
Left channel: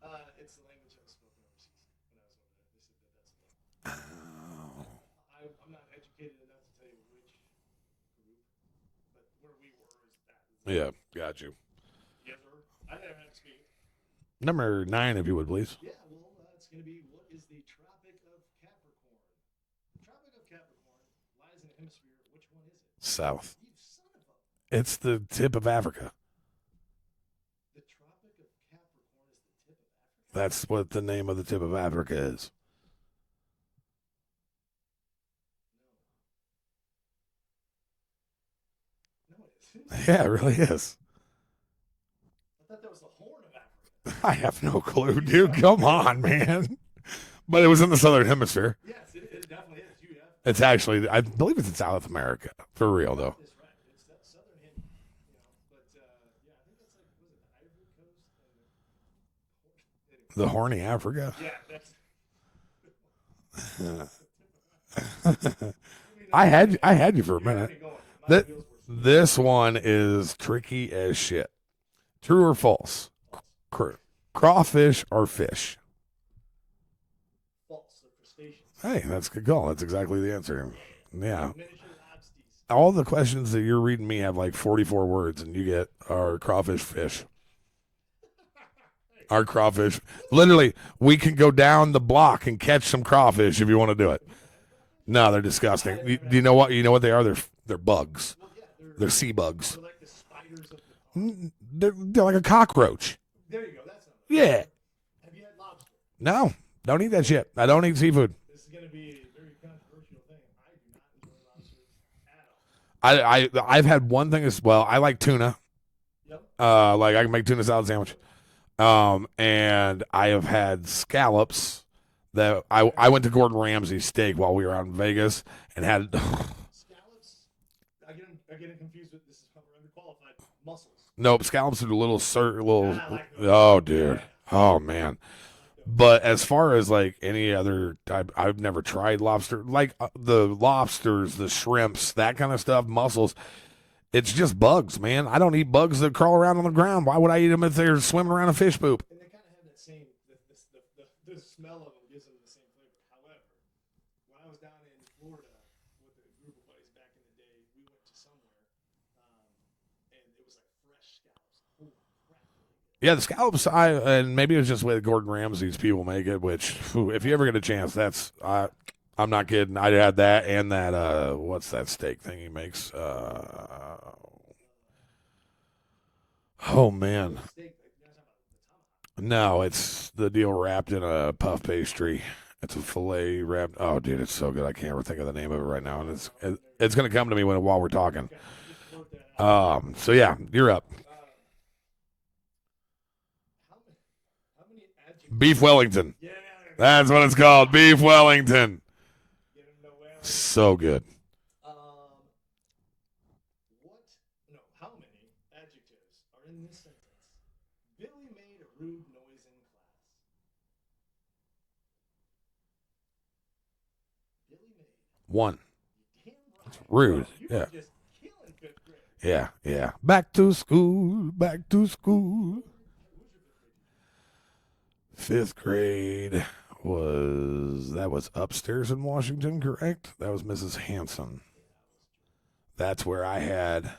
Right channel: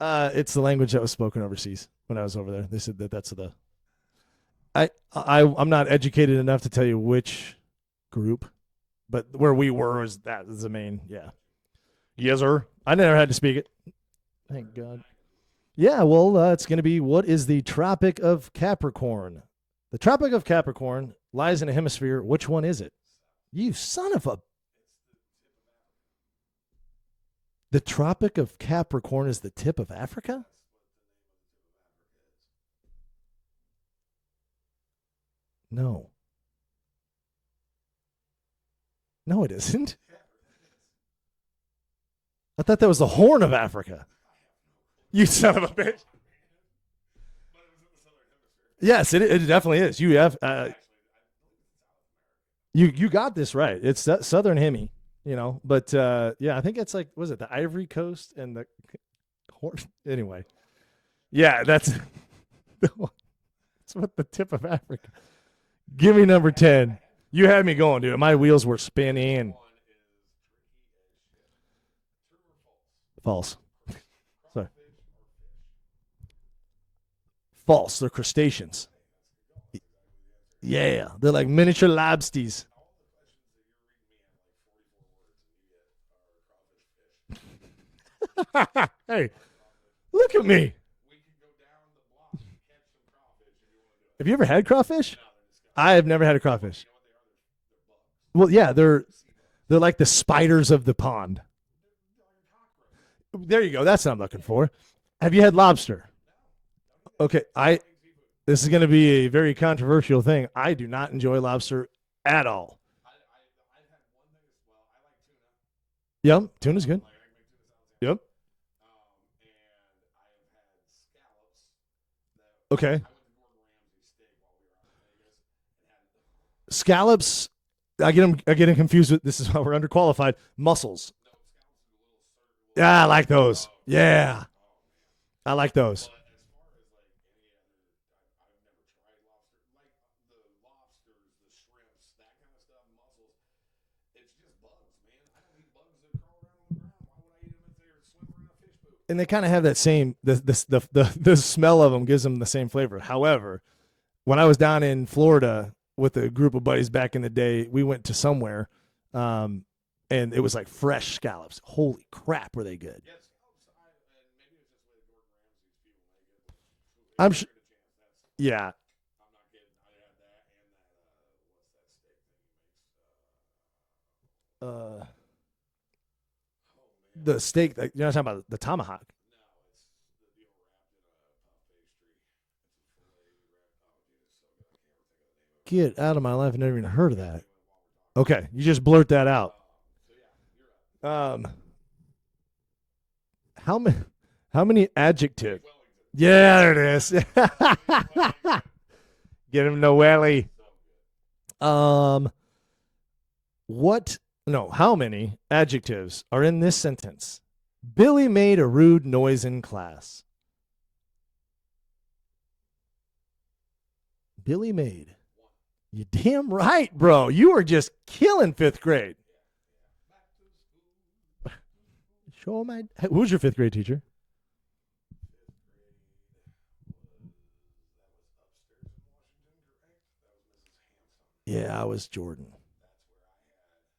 It's the language that was spoken overseas when I was over there. They said that's the. I'm not educated enough to tell you which group, but where we were was that is the main. Yeah. got you. Yes, sir. I never had to speak it. Number 9, if you would, please. Yeah, well, it's going to be what is the Tropic of Capricorn? The Tropic of Capricorn lies in a hemisphere. Which one is it? South. You son of a. It's the tip of Africa. The Tropic of Capricorn is the tip of Africa? That's what the name of the tip of Africa is. No. No, it isn't. Yeah, it really is. I thought that was the Horn of Africa. I have no clue. You dude. son of a Come bitch. on, man. But it was in the southern hemisphere. Yes, it definitely is. You have. It's actually, I believe it's in South America. For You real, got though. this right. It's Southern Hemi, But yeah, I think it's like was it the Ivory Coast and the Horn? Anyway, The horny Africa. yeah, that's what the tip of Africa. Give me number 10. I had you for a You had minute. me going, dude. My wheels were spinning. This one is tricky as shit. True or false? False. Crawfish or fish? False. They're crustaceans. Hey, that's a good call. That's exactly the answer. Yeah, they're like Yeah. miniature lobsters. All the questions that you're reading me have like 44 words, and you get our crawfish fish. Hey, Our crawfish. Look at Literally, me. we can go down the block and catch some crawfish if you want to do it. have you ever had crawfish? No, they're disgusting. I have never had You know what? crawfish. You know what they are? They're They're bugs. Well, yeah, They're sea bugs. they're like the spiders of the pond. They're like a cockroach. There you go. That's what I'm looking Yeah. for. Have you had lobster? No, don't eat that Okay, shit. I don't eat seafood. This is going to be a very controversial thing. I do not enjoy lobster at all. I've had one thing as well. I like tuna. Yep. Like I can make tuna salad sandwich. Yep. And I have had scallops that Okay. I went to Gordon Ramsay's steak while we were out in Vegas and had Scallops. I get them confused with. This is why we're underqualified. Mussels. nope, scallops are little Yeah, I like those. Oh, dude. Yeah, Oh man. I like those. But as far as like any other type, I've never tried lobster. Like the lobsters, the shrimps, that kind of stuff, mussels. It's just bugs, man. I don't eat bugs that crawl around on the ground. Why would I eat them if they're swimming around in fish poop? and they kind of have that same the smell of them gives them the same flavor. However, when I was down in Florida with a group of buddies back in the day, we went to somewhere, and it was like fresh scallops. Holy crap, were they good? Yeah, the scallops. And maybe it was just the way Gordon Ramsay's people make it. Which, if you ever get a chance, that's Yeah. I'm not kidding. I had that and that. What's that steak thing he makes? Oh man, The steak. You're not talking about the tomahawk. no, it's the deal wrapped in a puff pastry. It's a fillet wrapped. Oh, dude, it's so good. I can't ever think of the name of it right Get now. out of my life. Never even It's going heard to of come to that. me while we're talking. Okay, you just blurt that out. So yeah, you're up. How many adjectives? Beef Wellington. Yeah, there it is. That's what it's called. Beef Wellington. Get him Noelle. So good. How many adjectives are in this sentence? Billy made a rude noise in class. Billy made. One. You damn right, Rude. bro. You were Yeah. just killing fifth grade. Yeah, yeah. Back to school. Back to school. Who's your fifth grade teacher? Fifth grade was upstairs in Washington, correct? That was Mrs. Hanson. Yeah, I was Jordan. That's where I had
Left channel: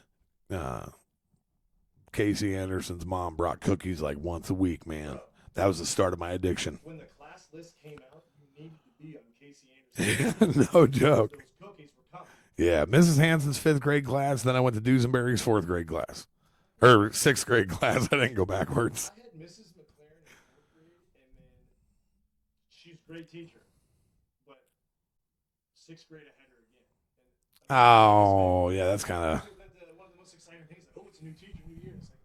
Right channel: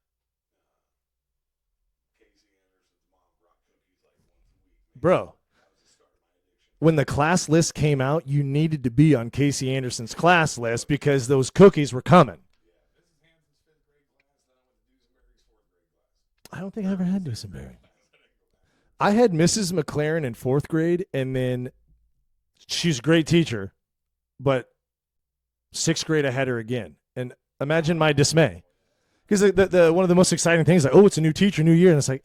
Casey Anderson's mom brought cookies like once a week, man. Bro, That was the start of my addiction. when the class list came out, you needed to be on Casey Anderson's class No list because joke. those cookies were coming. Yeah, Mrs. Hanson's fifth grade class. Then I went to Duesenberry's fourth grade class. I don't think I ever Or had sixth that. grade class. I didn't go backwards. I had Mrs. McLaren in fourth grade, and then she's a great teacher, but sixth grade I had her again. And imagine my dismay. Oh, yeah, that's kind Because of. the one of the most exciting things, like, oh, it's a new teacher, new year, and it's like,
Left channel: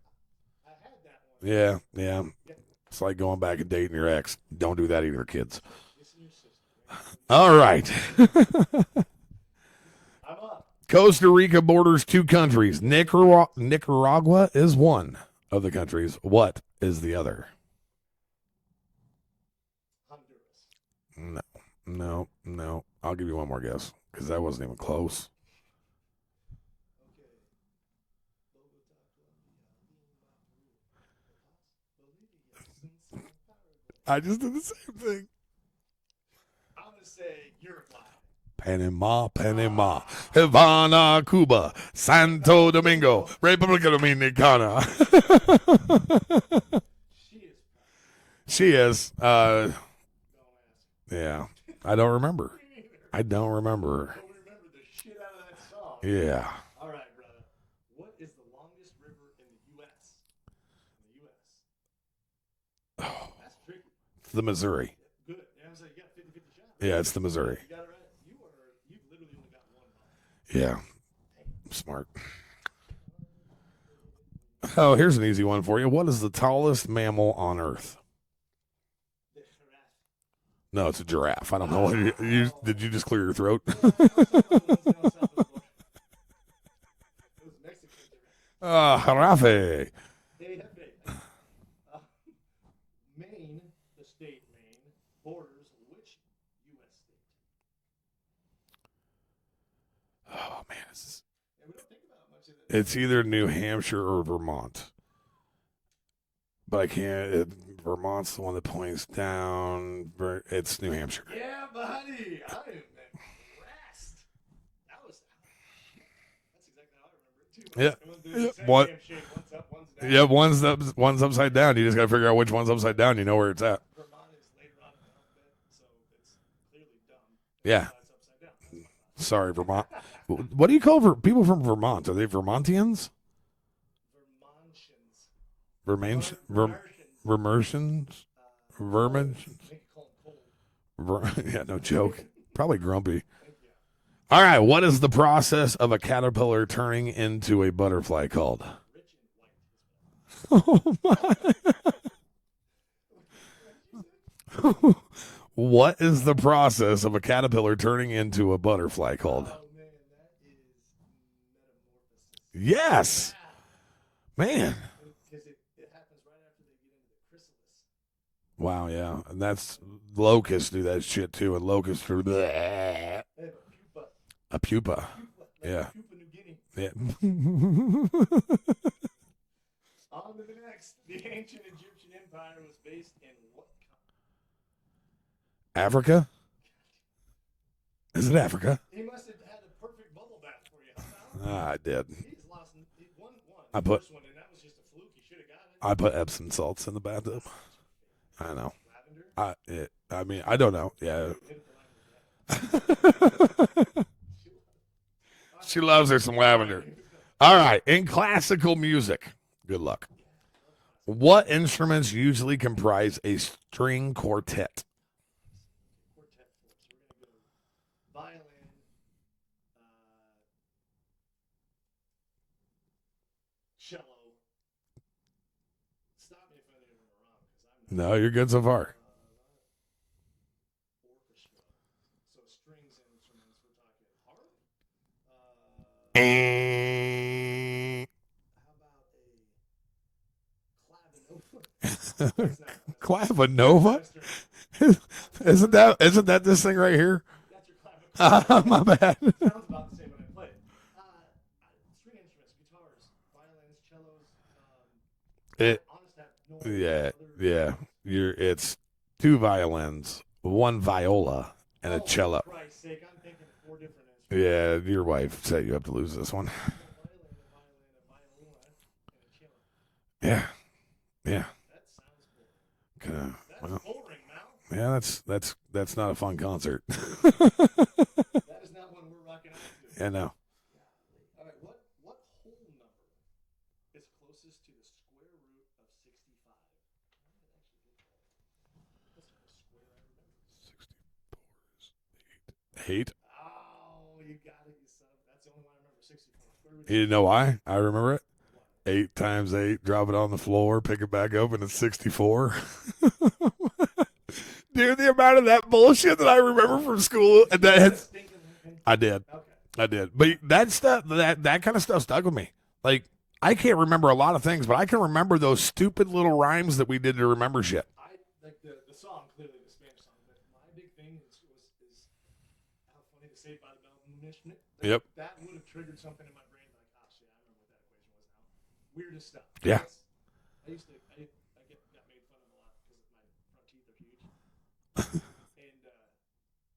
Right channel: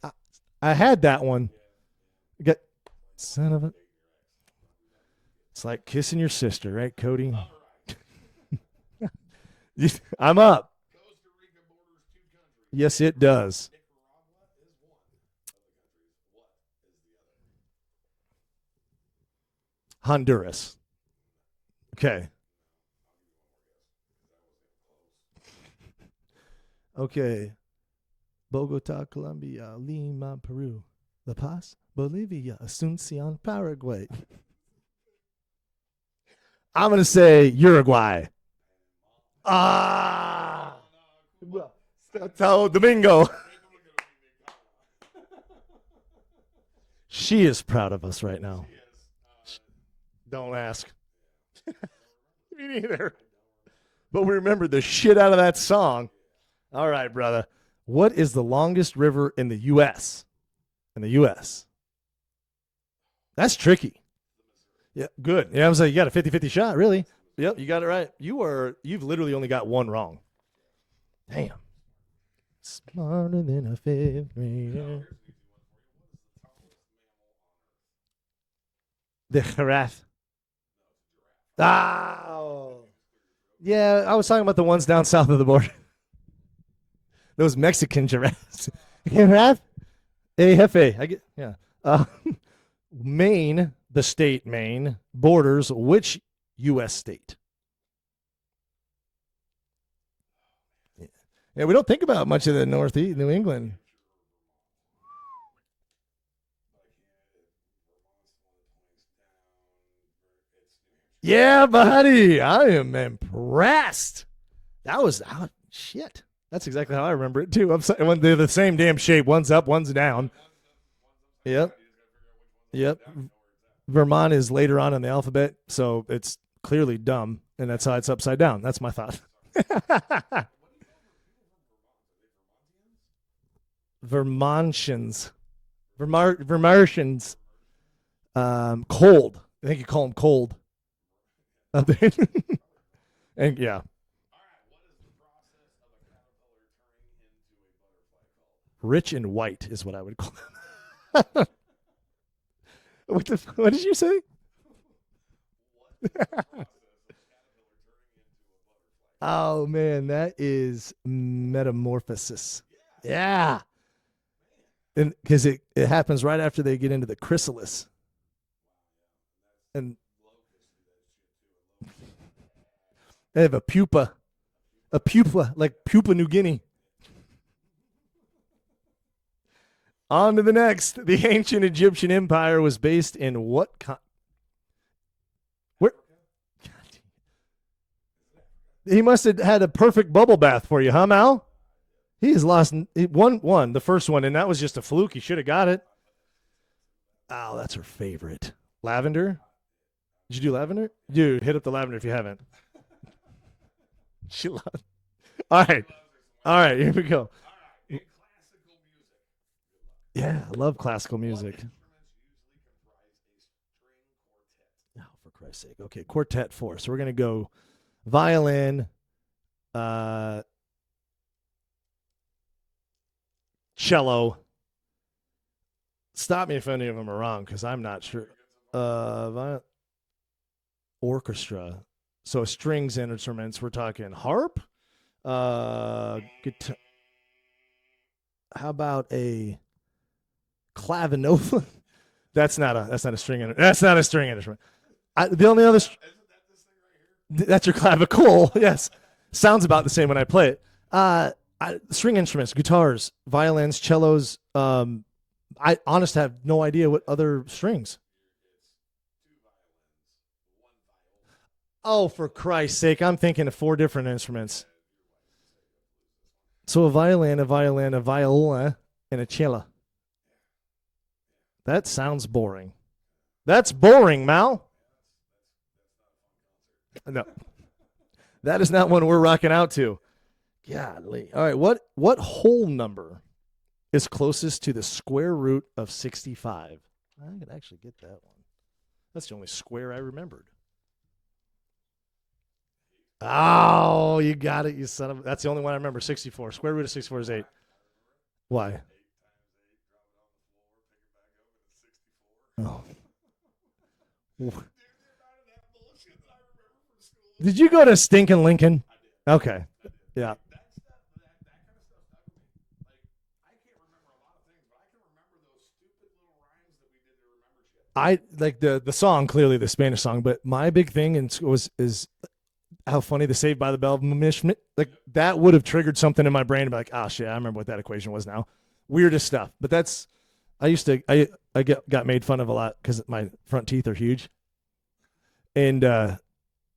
I had that one. Yeah, yeah. Get- It's like going Son back of and a- dating your ex. Don't do that either, kids. It's like kissing your sister, right, Cody? All right. I'm up. Costa Rica borders two countries. Yes, it does. Nicaragua is one of the countries. What is the other? Honduras. No. Okay. No. I'll give you one more guess because that wasn't even close. Okay. Bogota, Colombia, Lima, Peru, La Paz, Bolivia, Asuncion, Paraguay. I just did the same thing. I'm going to say Uruguay. Panama, Ah. Havana, Cuba, Santo Santo Domingo, Domingo. República Dominicana. She is proud of us right now. She is. Don't ask. Yeah. I don't remember. Me neither. I don't remember. But we remembered the shit out of that song. Yeah. All right, brother. What is the longest river in the U.S.? In the U.S. That's tricky. The Missouri. Yeah, good. Yeah, I was like, you got a 50-50 shot, really. Yeah, it's the Missouri. Yep, you got it right. You've literally only got one wrong. Yeah. Damn. Smart. Smarter than a fifth grade. Oh, here's an easy one for you. What is the tallest mammal on Earth? The giraffe. No, it's a giraffe. I don't know. Ah. Did you just clear your throat? Yeah, I was talking about the ones down south of the border. Those Mexican giraffes. Jirafe. Hey, Jefe. I get, yeah. Maine, the state Maine, borders which U.S. state? Oh, man. It's Yeah, we don't think about much of the Northeast. either New England. Hampshire or Vermont. But I can't. Vermont's the one that points down. It's New Hampshire. Yeah, buddy. I am impressed. That was shit. That's exactly how I remember it too. When they're the same One- damn shape. One's up, one's down. Yeah, one's upside Yep. down. You just got to figure out which one's upside Yep. down. You know where it's at. Vermont is later on in the alphabet, so it's clearly dumb. and Yeah. that's how it's upside down. That's my thought. Sorry, Vermont. What do you call people from Vermont? Are they Vermontians? Vermontians. Vermans- Vermartians. Vermersians? Cold. I think you call them cold. Yeah, no joke. Probably grumpy. And yeah. All right, what is the process of a caterpillar turning into a butterfly called? Rich and white is what I would call it. What did you say? What is the process of a caterpillar turning into a butterfly called? Oh, man, that is metamorphosis. Yes. Yeah. Man. Because it happens right after they get into the chrysalis. Wow, yeah. And And- locusts do that shit too. And locusts are They have a pupa. a pupa. A pupa, like Yeah. Pupa New Guinea. Yeah. On to the next. The ancient Egyptian empire was based in what Africa? Is it Africa? He must have had a perfect bubble bath for you, huh, Mal? I did. He has lost he won the I put- first one, and that was just a fluke. He should have got it. I put Epsom salts in the bathtub. Oh, that's her favorite. I know. Lavender? I Did mean, you do I don't lavender? know. Yeah. Dude, hit up the lavender if you haven't. She loves. All right. She loves her some All right, lavender. here we go. All right. In classical music, good luck. Yeah, I love classical What music. instruments usually comprise a string quartet? Oh, for Christ's sake. Okay, quartet 4. So we're going to go violin, cello. Stop me if any of them are wrong, because I'm not No, sure. you're good so far. Orchestra. So strings instruments. We're talking harp. How about a clavinova? That's not a string. Clavinova? That's not a string instrument. The only Isn't that this thing right here? that's your clavicle. Yes. My bad. Sounds about the same when I play it. String instruments, guitars, violins, cellos. I honestly have no idea what other strings. It's 2 violins, 1 viola, and Oh, a cello. for Christ's sake! I'm thinking of 4 different instruments. Yeah, your wife said you have to lose this one. So a violin, a viola, and a cello. Yeah, yeah. That sounds boring. Kinda, That's boring, Mal. yeah. That's not a fun concert. That is not one we're rocking out to. I know. Golly. All right, what whole number is closest to the square root of 65? I could actually get that one. That's the only square I remembered. 8. Oh, you got it, you son of. That's the only one I remember. 64. Square root of 64. You know is why? 8. I remember it. Why? 8 times 8, drop it on the floor, pick it back up, and it's 64. Dude, the amount of that bullshit that I remember from school. Did and you that- go to stinking Lincoln? I did. Okay. I did. Yeah. But that stuff, that kind of stuff stuck with me. Like, I can't remember a lot of things, but I can remember those stupid little rhymes that we did to remember shit. I like the song, clearly the Spanish song, but my big thing is how funny the Saved by the Bell like Yep. that would have triggered something in my brain to be like, oh shit, I remember what that equation was now. Weirdest stuff. But Yeah. that's I got made fun of a lot because my front teeth are huge. And I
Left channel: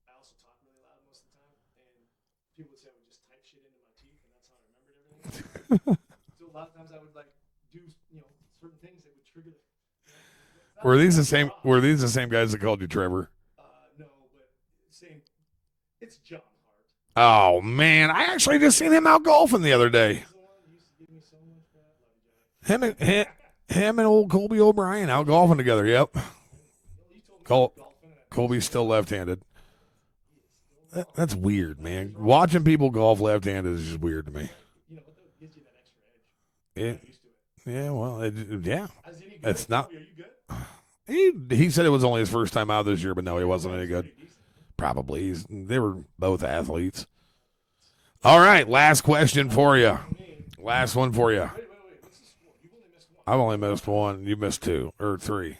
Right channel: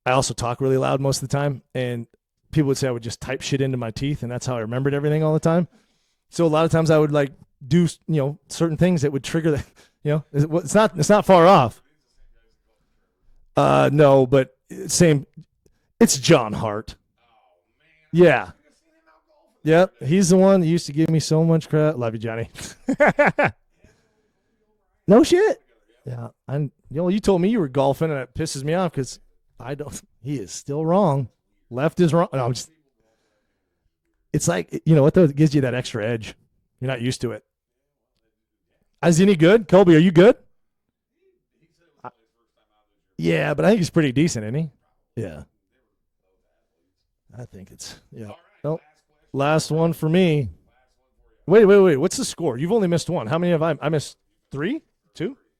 also talk really loud most of the time, and people would say I would just type shit into my teeth, and that's how I remembered everything all the time. So a lot of times I would like do certain things that would trigger the it's not far off. Were these the same guys that called you Trevor? No, but same. It's John Hart. Oh man, I Yeah. actually just seen him out golfing the Yep, other day. He's the one that used to give me so much crap. Love you, Johnny. Him and old Colby O'Brien No out shit. golfing together. Yep. You told me you Col- were golfing, and it Colby's pisses me still off 'cause left-handed. I don't. He is still wrong. That's weird. Left man. is wrong. Watching people golf left-handed is just weird to me. It's like what though? It gives you that extra edge. You're Yeah. not used to it. Yeah, well, yeah. Is any good? It's not- Colby, are you good? He said it was only his first time out this year, but no, he Yeah, but wasn't I think any he's good. pretty decent, isn't he? Probably. Yeah. They were both athletes. I think it's. All right, Well, last question last for one you. for me. Last one for you. Wait. What's the score? You've only missed one. How many have I? missed I missed. one. You missed 3? 2 or 2? 3.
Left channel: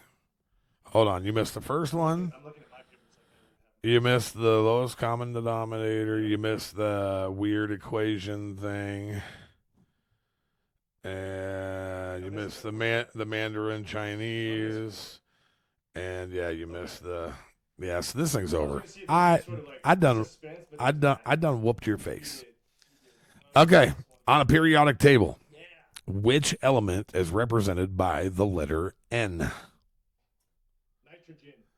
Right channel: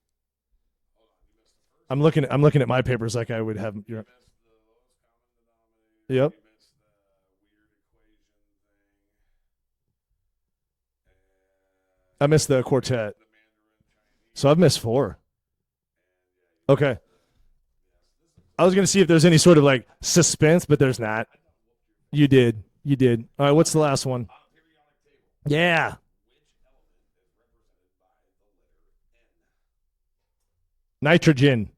Hold on, you missed the first I'm one. looking at my papers like I would have. You missed the lowest common denominator. Yep. You missed the weird equation thing. And I missed the you quartet. the Mandarin Chinese. So I've missed 4. And yeah, you Okay. missed the. Yeah, so this thing's over. I was going to see if there's any sort of like I done- suspense, but there's not. I done whooped your face. You did. All right, what's the Okay. last one? On a periodic table, Yeah. which element is represented by the letter N? Nitrogen.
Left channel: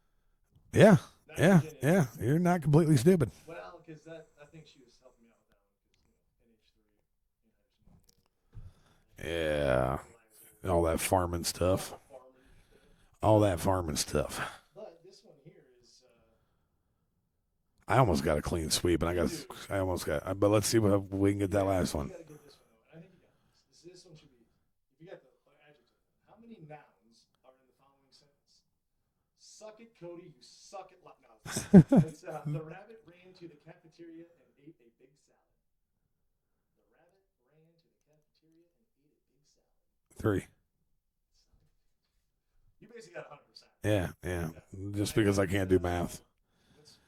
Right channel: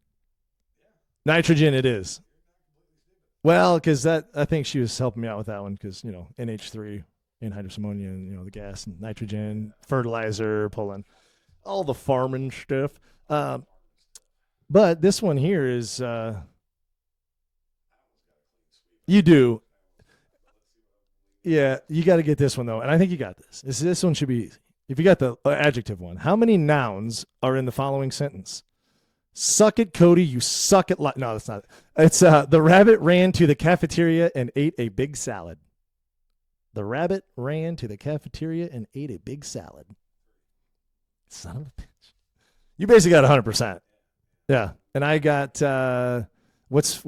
Yeah. Nitrogen it is. You're not completely stupid. Well, because I think she was helping me out with that one because, NH3 anhydrous ammonia and, the gas and nitrogen, fertilizer. All that farming stuff. All the farming stuff. That farming stuff. But this one here is... I almost got a clean sweep. And you do. I almost got, but let's see what we can get. Yeah, that last one. you got to get this one though, and I think you got this. This one should be easy. If you got the adjective one, how many nouns are in the following sentence? Suck it, Cody. You suck it. No, that's not. It's the rabbit ran to the cafeteria and ate a big salad. The rabbit ran to the cafeteria and ate a big salad. 3. Son of a bitch. You basically got 100%. Yeah. Yeah, and I got what's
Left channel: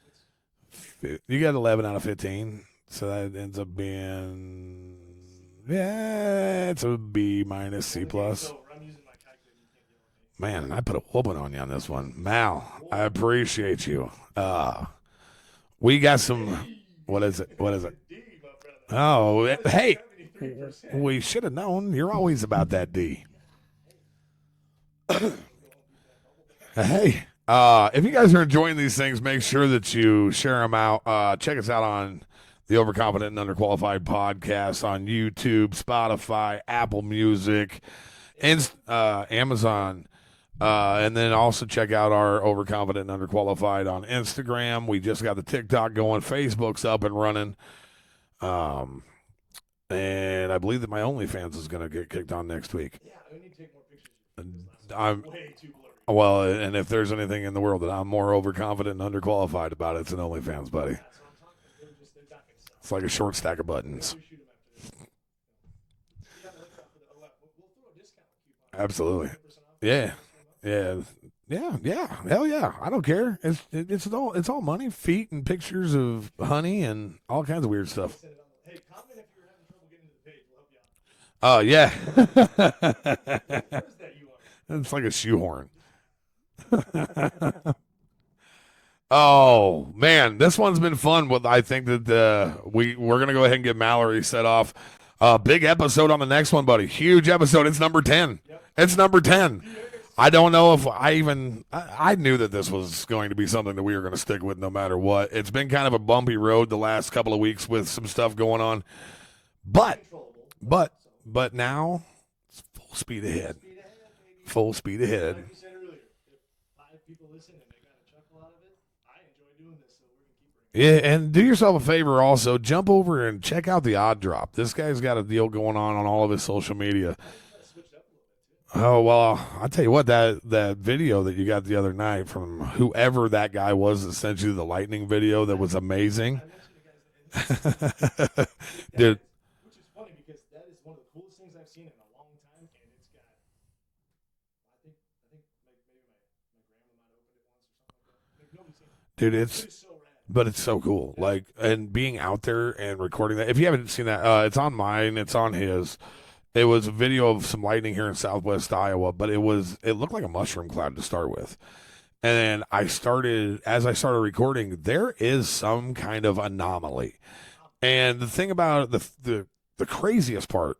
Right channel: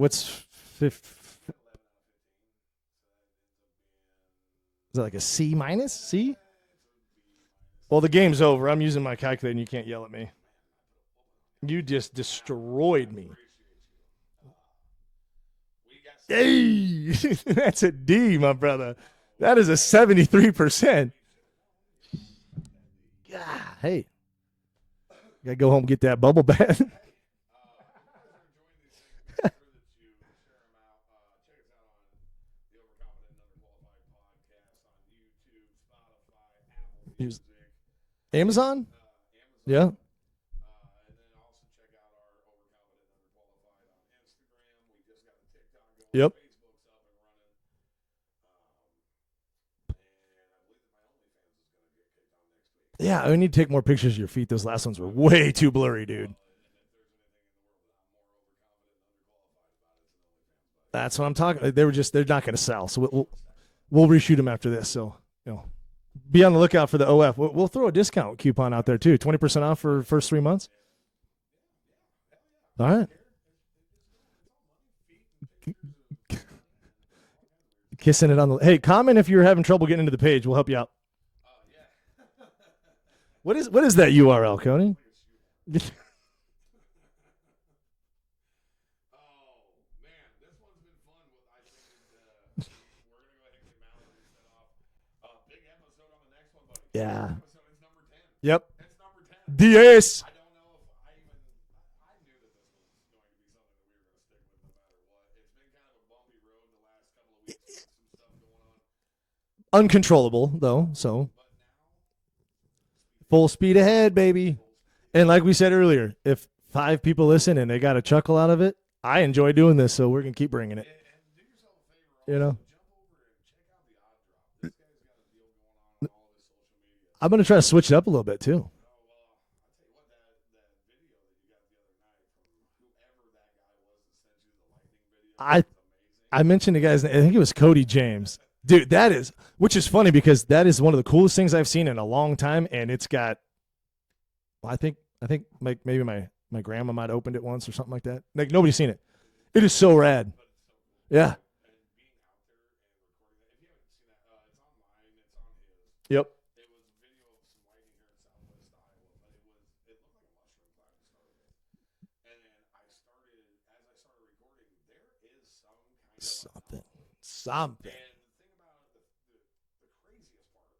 you got 11 out of 15, so that ends up being. Is that like a C minus? C? It's a B minus. Well, C the game's plus. over. I'm using my calculator, and you can't yell at me. Man, I put a whooping on you on this just one. destroyed Mal, I appreciate you. We got some. What is it? That's a D, my brother. Oh, that is a 73%. We should have known. You're always about that D. Yeah. Hey, gotta go home and get that bubble bath. Hey. If you guys are enjoying these things, make sure that you share them out. Check us out on the Overconfident and Underqualified podcast on YouTube, Spotify, Apple Music, Amazon, Amazon. Yeah. And then also check out our Overconfident and Underqualified on Instagram. We just got the TikTok going. Yep. Facebook's up and running. And I believe that my OnlyFans is going to get kicked on next week. Yeah, I need to take more pictures of your feet. Those last ones were way too blurry, dude. Well, and if there's anything in the world that I'm more overconfident and underqualified about, it's an OnlyFans, buddy. That's what I'm talking. They're not going to sell. It's like a short stack of buttons. We'll reshoot them after this. So, be on the lookout for the OF. We'll throw a discount coupon out there too. 20% off for the first 3 months. Yeah. Hell yeah. I don't care. It's all money, feet, and pictures of honey and all kinds of weird stuff. Kissing it on the. Hey, comment if you're having trouble getting into the page. We'll help you out. Oh yeah. What is that URL, Cody? It's like a shoehorn. Oh man, this one's been fun. I think that we're gonna go ahead and get Mallory set off. Big episode on the next one, buddy. Huge episode. It's number 10. Yep. It's number 10. Yes. I don't know if I knew that this was going to be something that we were going to stick with no matter what. It's been kind of a bumpy road the last couple of weeks with some stuff going on. Uncontrollable, though. But now, it's full speed ahead. Full speed ahead, baby. Full speed ahead. And like we said earlier, if 5 people listen and they got a chuckle out of it, I enjoy doing this, so we're going to keep bringing it. Yeah, and do yourself a favor also. Jump over and check out the Odd Drop. This guy's got a deal going on all of his social media. I'm going to try to switch it up a little bit, too. Oh, well, I'll tell you what, that video that you got the other night from whoever that guy was that sent you the lightning video, that was amazing. I mentioned the guy's name. I think it was Cody James. Dude, which is funny because that is one of the coolest things I've seen in a long time, and it's got, I think maybe my grandma might have opened it once or something like that. Like, nobody's seen it. Dude, it is so rad. But it's so cool. Yeah. Like, and being out there and recording that. If you haven't seen that, it's on mine. It's on his. Yep. It was a video of some lightning here in southwest Iowa, but it looked like a mushroom cloud to start with. And then as I started recording, there is some kind of anomaly. And the thing about the craziest part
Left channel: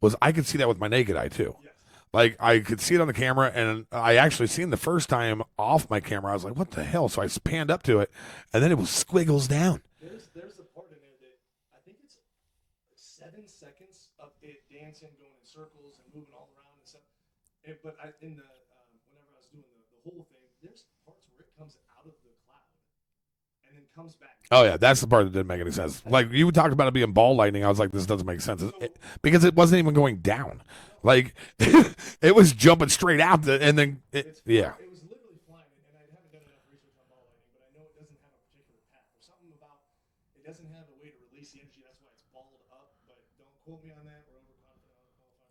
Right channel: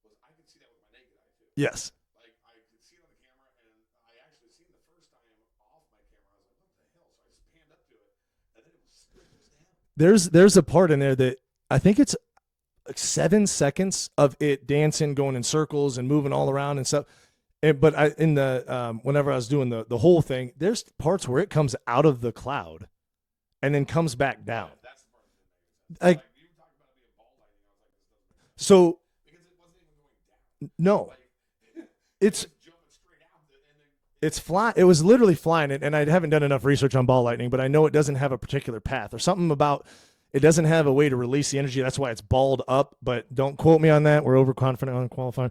was I could see that with my naked eye too. Yes. Like, I could see it on the camera, and I actually seen the first time off my camera. I was like, what the hell? So I panned up to it, and then it was squiggles down. There's a part in there that I think it's like 7 seconds of it dancing, going in circles and moving all around and stuff. But whenever I was doing the whole thing, there's parts where it comes out of the cloud and then comes back down. Oh, yeah, that's the part that didn't make any sense. Like you talked about it being ball lightning. I was like, this doesn't make sense. Because it wasn't even going down. No. Like, it was jumping straight out, and then it's flying. Yeah. It was literally flying. And I haven't done enough research on ball lightning, but I know it doesn't have a particular path or something about it doesn't have a way to release the energy. That's why it's balled up, but don't quote me on that. We're overconfident, unqualified.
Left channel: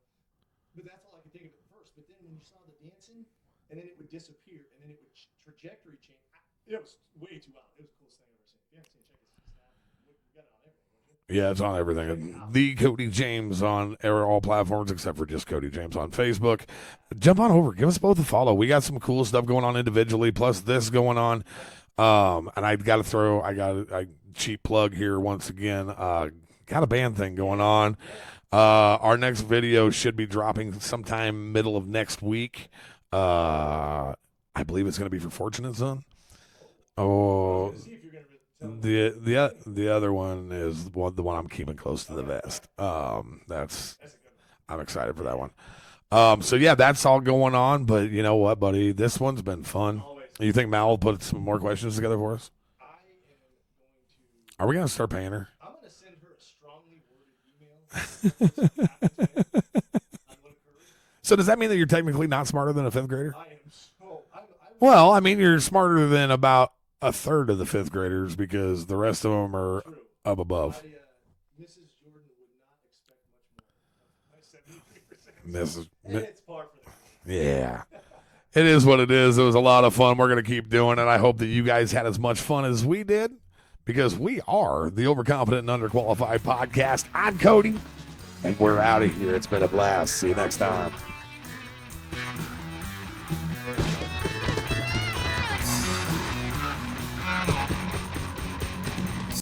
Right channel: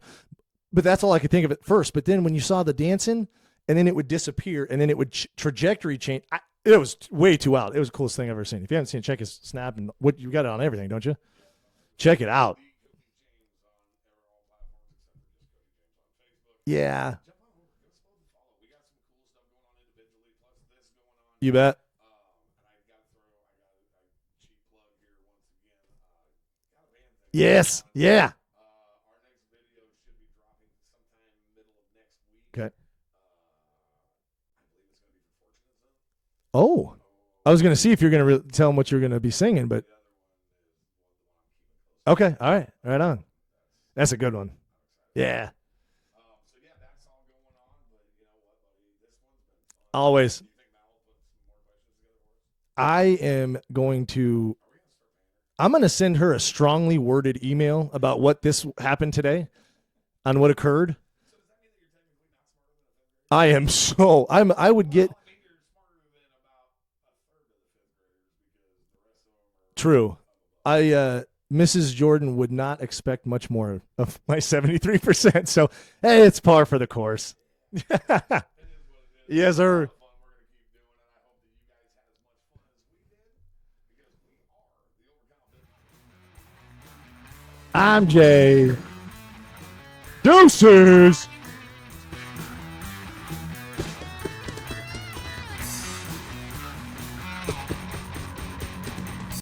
But that's all I could think of at first. But then when you saw the dancing, and then it would disappear, and then it would trajectory change. It was way too wild. It was the coolest thing I've ever seen. If you haven't seen it, check his Snap. And you got it on everything, don't you? Yeah, it's on everything. Check it out. The Cody James on all platforms except for just Cody James on Facebook. Yeah. Jump on over. Give us both a follow. We got some cool stuff going on individually, plus this going on. You bet. And I got a cheap plug here once again. Got a band thing going on. Yeah. Our next video should be dropping sometime middle of next week. Okay. I believe it's going to be for Fortunate Son. Oh. Oh, I was going to see if you're going to tell them what you're going to be singing, but the other one is the one I'm keeping close to. Okay, the all vest. right, right on. That's a good one. I'm excited for Yeah. that one. So yeah, that's all going on. But you know what, buddy? This one's been fun. Always. You think Mal will put some more questions together for us? I am going to. Are we going to start paying her? I'm going to send her a strongly worded email about what this happened today, on what occurred. So does that mean that you're technically not smarter than a fifth grader? I am so. I would. Well, I mean, you're smarter than about a third of the fifth graders because the rest of them are True. up above. Mrs. Jordan would not expect much more of my 73%. So, This is- hey, it's par for the course. Yeah. It is what it is. It You was guys a lot are- of fun. We're going to keep doing it. I hope that you guys had as much fun as we did because we are the Overconfident and Underqualified podcast. I'm Cody. I'm Jay. We're out of here. It's been a blast. See you next time. Deuces.